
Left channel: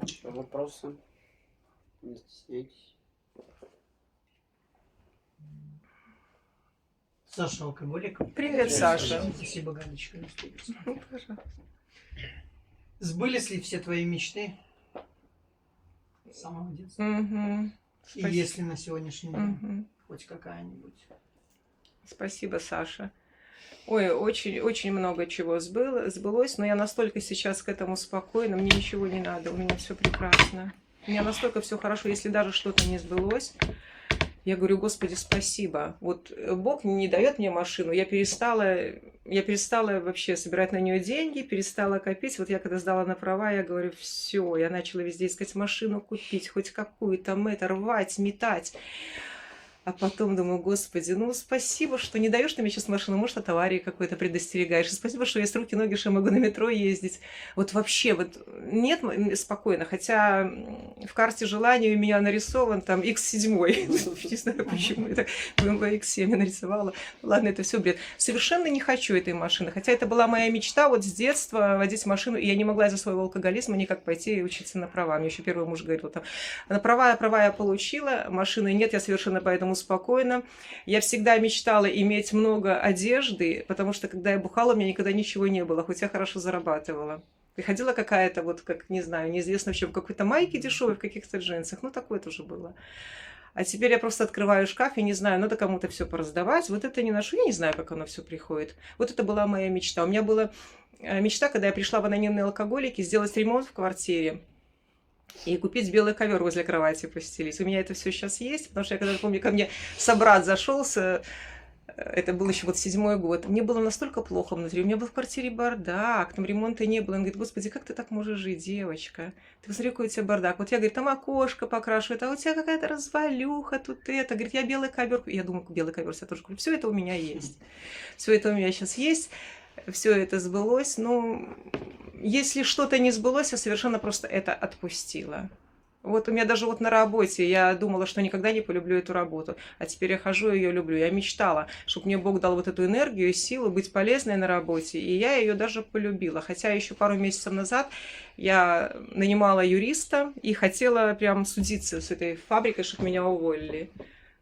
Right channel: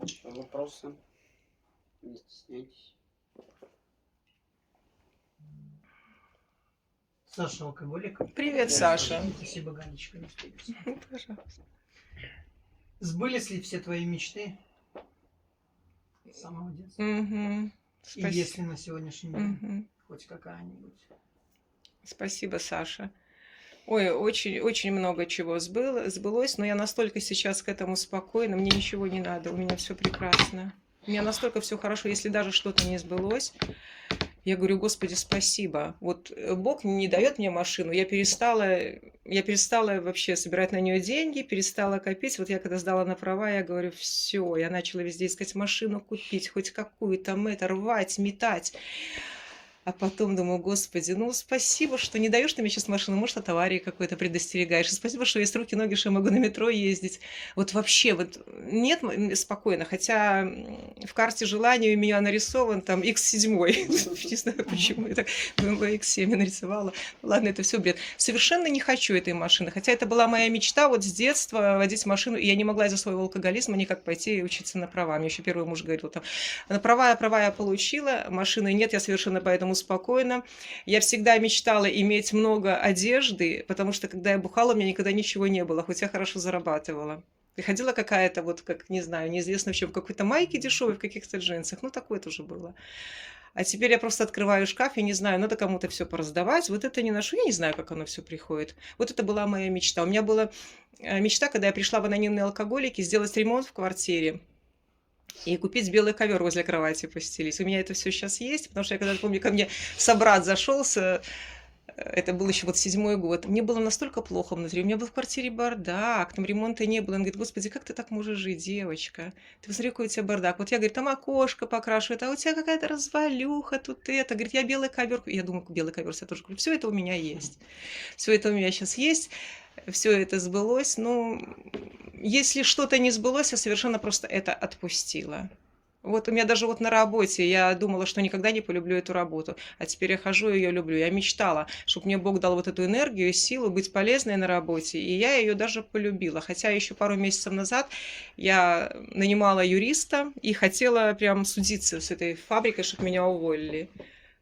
Еще вопросы? Не стесняйтесь. Саша, алкоголик. Привет, Саша. Спасибо, Галечка. Пожалуйста. Сбылись ли все твои мечты с самого детства? Мгм. И Спасибо. если на сегодняшний день Мгм. хоть какая-нибудь? Спасибо, Саша. Ой, очень, очень много чего сбылось, но я настолько сейчас к этому спокойна, мне ничего не надо, у меня все прекрасно. У меня настолько все хорошо, если даже что-то не сбылось, я говорю, Господи, спасибо. Вот Бог не дает мне машину, я перестала вообще собирать на нее деньги, перестала копить. Вот я когда сдала на права, я говорю, все, я начала везде искать машину купить, хоть какую-то, рвать, метать. А потом думаю, Господи, ну спасибо, что не даешь ты мне сейчас машину, может, от аварии какой-то предостерегаешь. И спасибо, что есть руки, ноги, что я могу на метро ездить. Вот вообще, вот нет, спокойно. Хотя в карте желаний у меня нарисован там X7. Не знаю, почему это BMW X7 я нарисовала. Ладно, это все бред. Совершенно не хочу этой машины. Хотя это была моя мечта вот с детства водить машину. И я не могла из-за своего алкоголизма никак пойти и учиться на права. Мне еще первый муж говорил, там, на права я получила, машины нет, я совершенно поэтому спокойно. Я всегда мечтала иметь много одежды, потому что когда я бухала, у меня никогда ничего не было, хоть я хорошо зарабатывала. Приходила какая-то, вот как, не знаю, неизвестно в чем, в какой-то майке дешевой, в каких-то джинсах. Ну, такое тоже было. А теперь я просто открываю шкаф и не знаю, надо кому-то все пораздавать. Вот это не ношу, я не знаю, как оно все приходит. Вот это была моя мечта. У меня была мечта, когда я пришла в анонимные алкоголики, сделать ремонт в квартире и купить белый ковер возле кровати постелить. У меня это все сейчас есть, потому что я когда помню, ко мне собрат зашелся, это был еще вот 7-й год, мне было настолько плохо внутри, у меня был в квартире бардак, там ремонта не было. Он говорит, Господи, как ты так можешь жить, девочка? Ты посмотри, какой у тебя бардак. Вот я, говорит, там окошко покрашивают, а у тебя какая-то развалюха тут это. Говорит, я белый ковер. Я думаю, белый ковер я тоже куплю. Все это у меня есть. Все это у меня сейчас есть. Все это сбылось, но если что-то не сбылось, я совершенно просто это отпустила. Вот у меня даже вот на работе я думала, что никогда не полюблю эту работу, а теперь я хожу и ее люблю. Я мечтала, чтобы мне Бог дал вот эту энергию и силу быть полезной на работе, и я ее даже полюбила. Хотя еще пару месяцев назад я нанимала юриста и хотела прям судиться с этой фабрикой, чтобы меня уволили.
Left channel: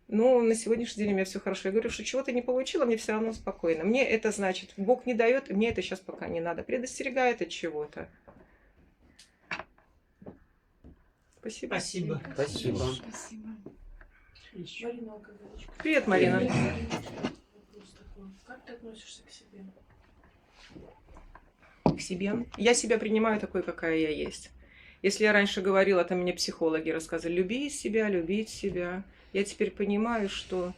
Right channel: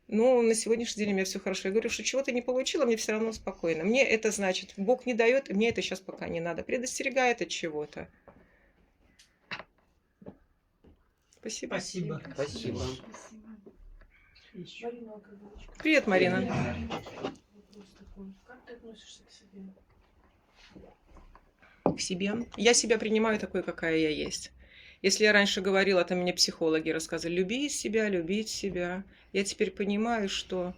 Ну, на сегодняшний день у меня все хорошо. Я говорю, что чего-то не получила, мне все равно спокойно. Мне это значит, Бог не дает, и мне это сейчас пока не надо. Предостерегает от чего-то. Спасибо. Спасибо. Спасибо. Марина Алковичка. Привет, Марина. Вопрос такой. Как ты относишься к себе? К себе. Я себя принимаю такой, какая я есть. Если я раньше говорила, там мне психологи рассказывали, люби себя, любить себя. Я теперь понимаю, что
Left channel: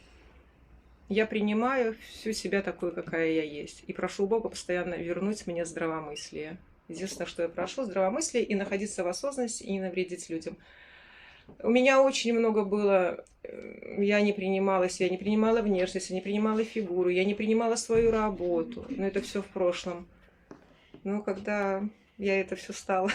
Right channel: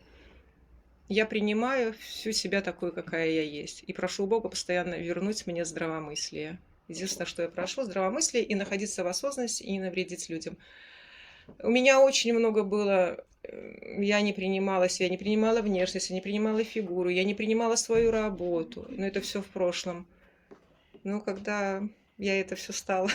я принимаю всю себя такой, какая я есть. И прошу Бога постоянно вернуть мне здравомыслие. Единственное, что я прошу, здравомыслие и находиться в осознанности и не навредить людям. У меня очень много было, я не принимала себя, не принимала внешность, я не принимала фигуру, я не принимала свою работу. Но это все в прошлом. Но когда я это все стала,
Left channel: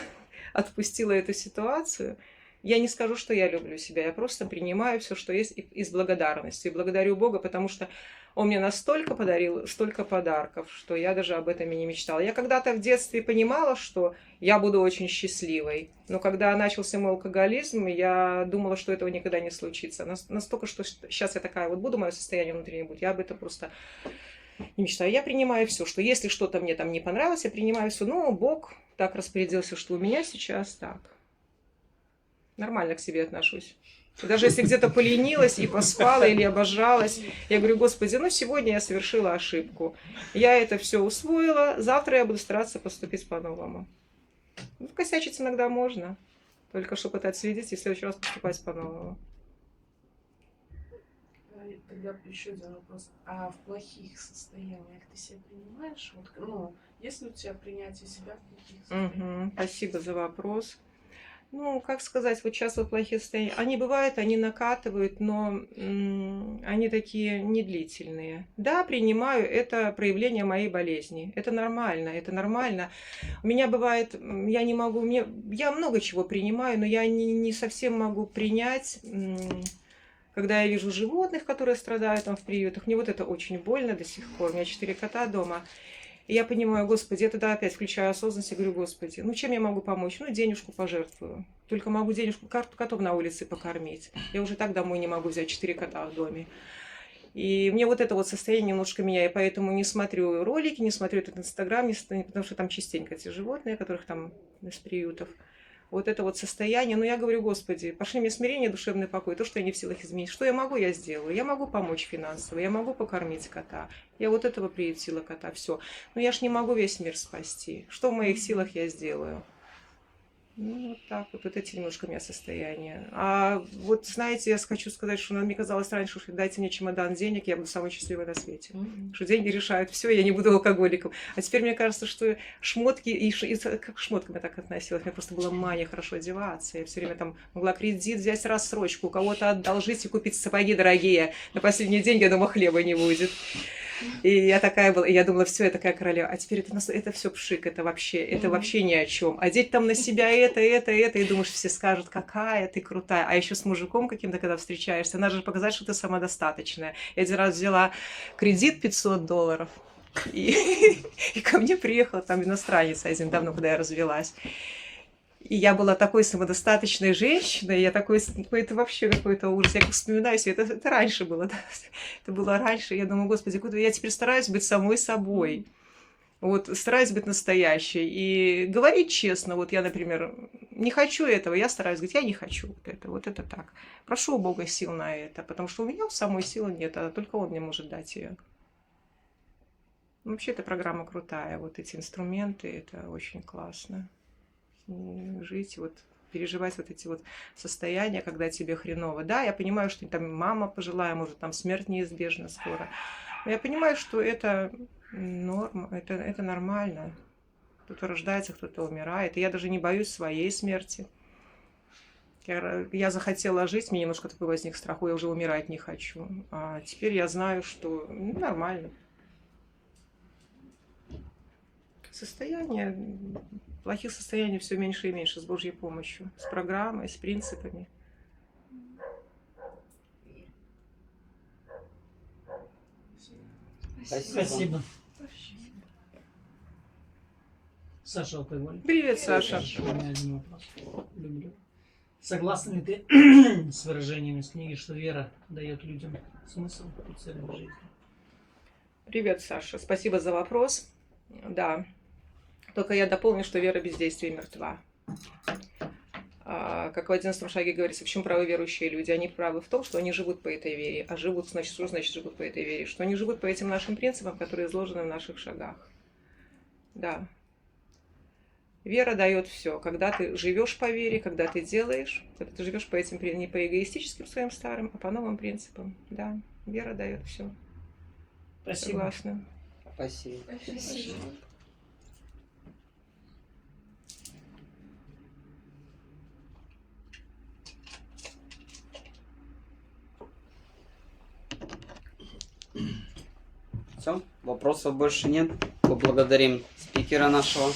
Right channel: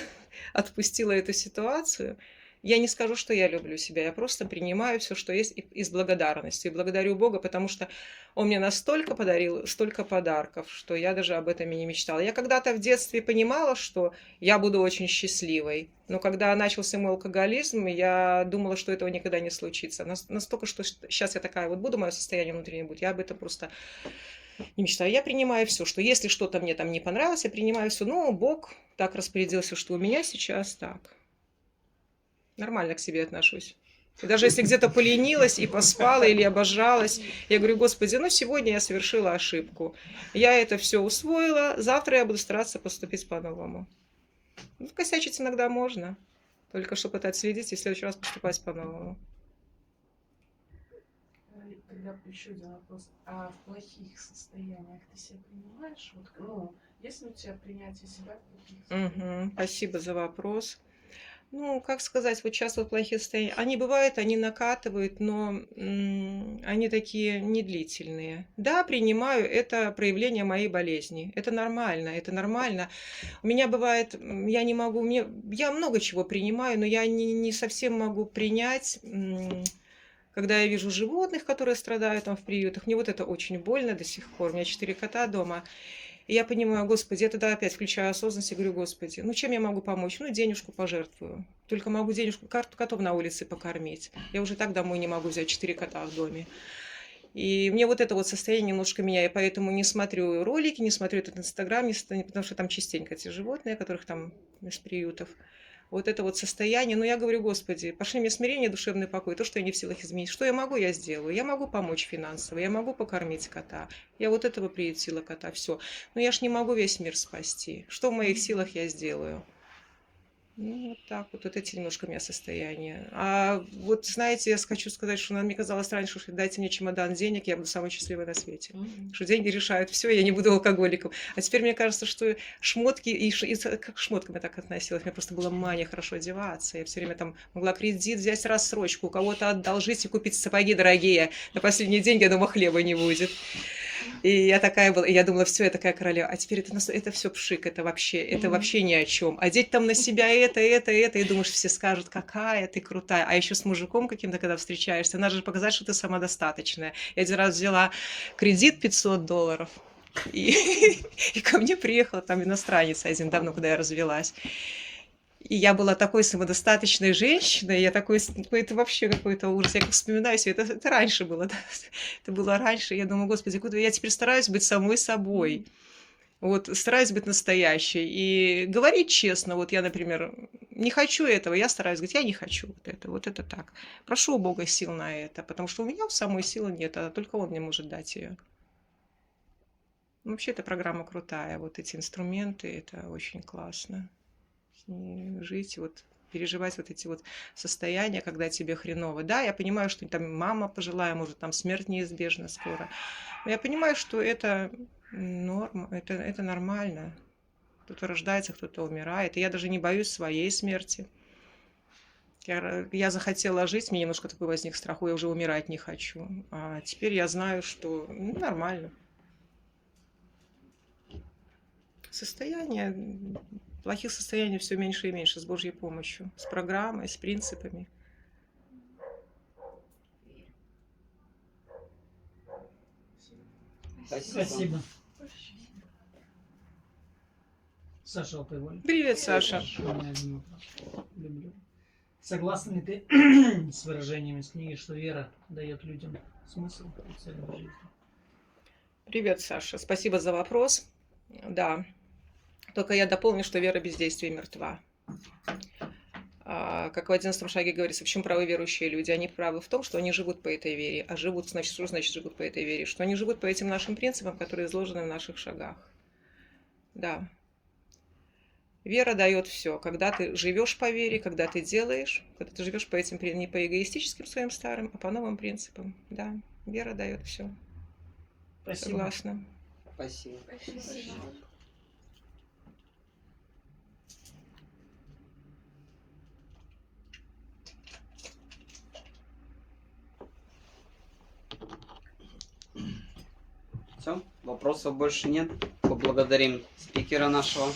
отпустила эту ситуацию, я не скажу, что я люблю себя, я просто принимаю все, что есть, из благодарности. И благодарю Бога, потому что Он мне настолько подарил, столько подарков, что я даже об этом и не мечтала. Я когда-то в детстве понимала, что я буду очень счастливой. Но когда начался мой алкоголизм, я думала, что этого никогда не случится. Настолько, что сейчас я такая вот буду, мое состояние внутреннее будет, я об этом просто не мечтаю. Я принимаю все, что если что-то мне там не понравилось, я принимаю все. Но Бог так распорядился, что у меня сейчас так. Нормально к себе отношусь. И даже если где-то поленилась и поспала или обожралась, я говорю, Господи, ну сегодня я совершила ошибку. Я это все усвоила, завтра я буду стараться поступить по-новому. Ну, косячить иногда можно, только чтобы это отследить и в следующий раз поступать по-новому. Тогда еще один вопрос. А в плохих состояниях ты себя принимаешь? Вот, ну, есть ли у тебя принятие себя в плохих состояниях? Спасибо за вопрос. Ну, как сказать, вот сейчас вот плохие состояния, они бывают, они накатывают, но они такие недлительные. Да, принимаю, это проявление моей болезни. Это нормально, это нормально. У меня бывает, я не могу, я много чего принимаю, но я не совсем могу принять, когда я вижу животных, которые страдают там в приютах. Мне вот это очень больно до сих пор. У меня 4 кота дома. И я понимаю, Господи, я тогда опять включаю осознанность и говорю, Господи, ну чем я могу помочь? Ну, денежку пожертвую. Только могу денежку, котов на улице покормить. Я уже так домой не могу взять 4 кота в доме. И мне вот это вот состояние немножко меняет, поэтому не смотрю ролики, не смотрю этот Инстаграм, потому что там частенько эти животные, которых там из приютов. Вот это вот состояние. Но я говорю, Господи, пошли мне смирение, душевный покой, то, что я не в силах изменить. Что я могу, я сделаю. Я могу помочь финансово, я могу покормить кота. Я вот этого приютила кота, все. Но я ж не могу весь мир спасти. Что в моих силах я сделаю? Ну, вот так вот эти немножко у меня состояния. А вот, знаете, я хочу сказать, что мне казалось раньше, что дайте мне чемодан денег, я буду самой счастливой на свете. Что деньги решают все, я не буду алкоголиком. А теперь мне кажется, что шмотки, и как к шмоткам я так относилась, мне просто была мания хорошо одеваться. Я все время там могла кредит взять, рассрочку, у кого-то одолжить и купить сапоги дорогие. На последние деньги, я думаю, хлеба не будет. И я такая была, и я думала, все, я такая королева. А теперь это все пшик, это вообще ни о чем. Одеть там на себя это, и думаешь, все скажут, какая ты крутая. А еще с мужиком каким-то, когда встречаешься, надо же показать, что ты самодостаточная. Я один раз взяла кредит $500, и ко мне приехал там иностранец один давно, когда я развелась. И я была такой самодостаточной женщиной, я такой, это вообще какой-то ужас. Я как вспоминаю себе, это раньше было, да? Это было раньше. Я думаю, Господи, куда я теперь стараюсь быть самой собой. Вот, стараюсь быть настоящей и говорить честно. Вот я, например, не хочу этого, я стараюсь говорить, я не хочу вот это так. Прошу у Бога сил на это, потому что у меня самой силы нет, а только Он мне может дать ее. Вообще, эта программа крутая, вот эти инструменты, это очень классно. Жить, вот переживать вот эти вот состояния, когда тебе хреново. Да, я понимаю, что там мама пожилая, может, там смерть неизбежна скоро. Но я понимаю, что это норма, это нормально. Кто-то рождается, кто-то умирает. И я даже не боюсь своей смерти. Я захотела жить, мне немножко такой возник страх, я уже умирать не хочу. А теперь я знаю, что нормально. Состояние Плохих состояний все меньше и меньше с Божьей помощью, с программой, с принципами. Спасибо. Саша Алкоголь. Привет, Саша. У меня один вопрос. Люблю. Согласна ли ты с выражением из книги, что вера дает людям смысл и цель в жизни? Привет, Саша. Спасибо за вопрос. Да. Только я дополню, что вера без действия мертва. Как в 11 шаге говорится, в чем правы верующие люди? Они правы в том, что они живут по этой вере. А живут, значит, что значит живут по этой вере? Что они живут по этим нашим принципам, которые изложены в наших шагах. Да. Вера дает все. Когда ты живешь по вере, когда ты делаешь, когда ты живешь по этим, не по эгоистическим своим старым, а по новым принципам. Да, вера дает все. Спасибо. Согласна. Спасибо. Все, вопросов больше нет. Поблагодарим спикера нашего.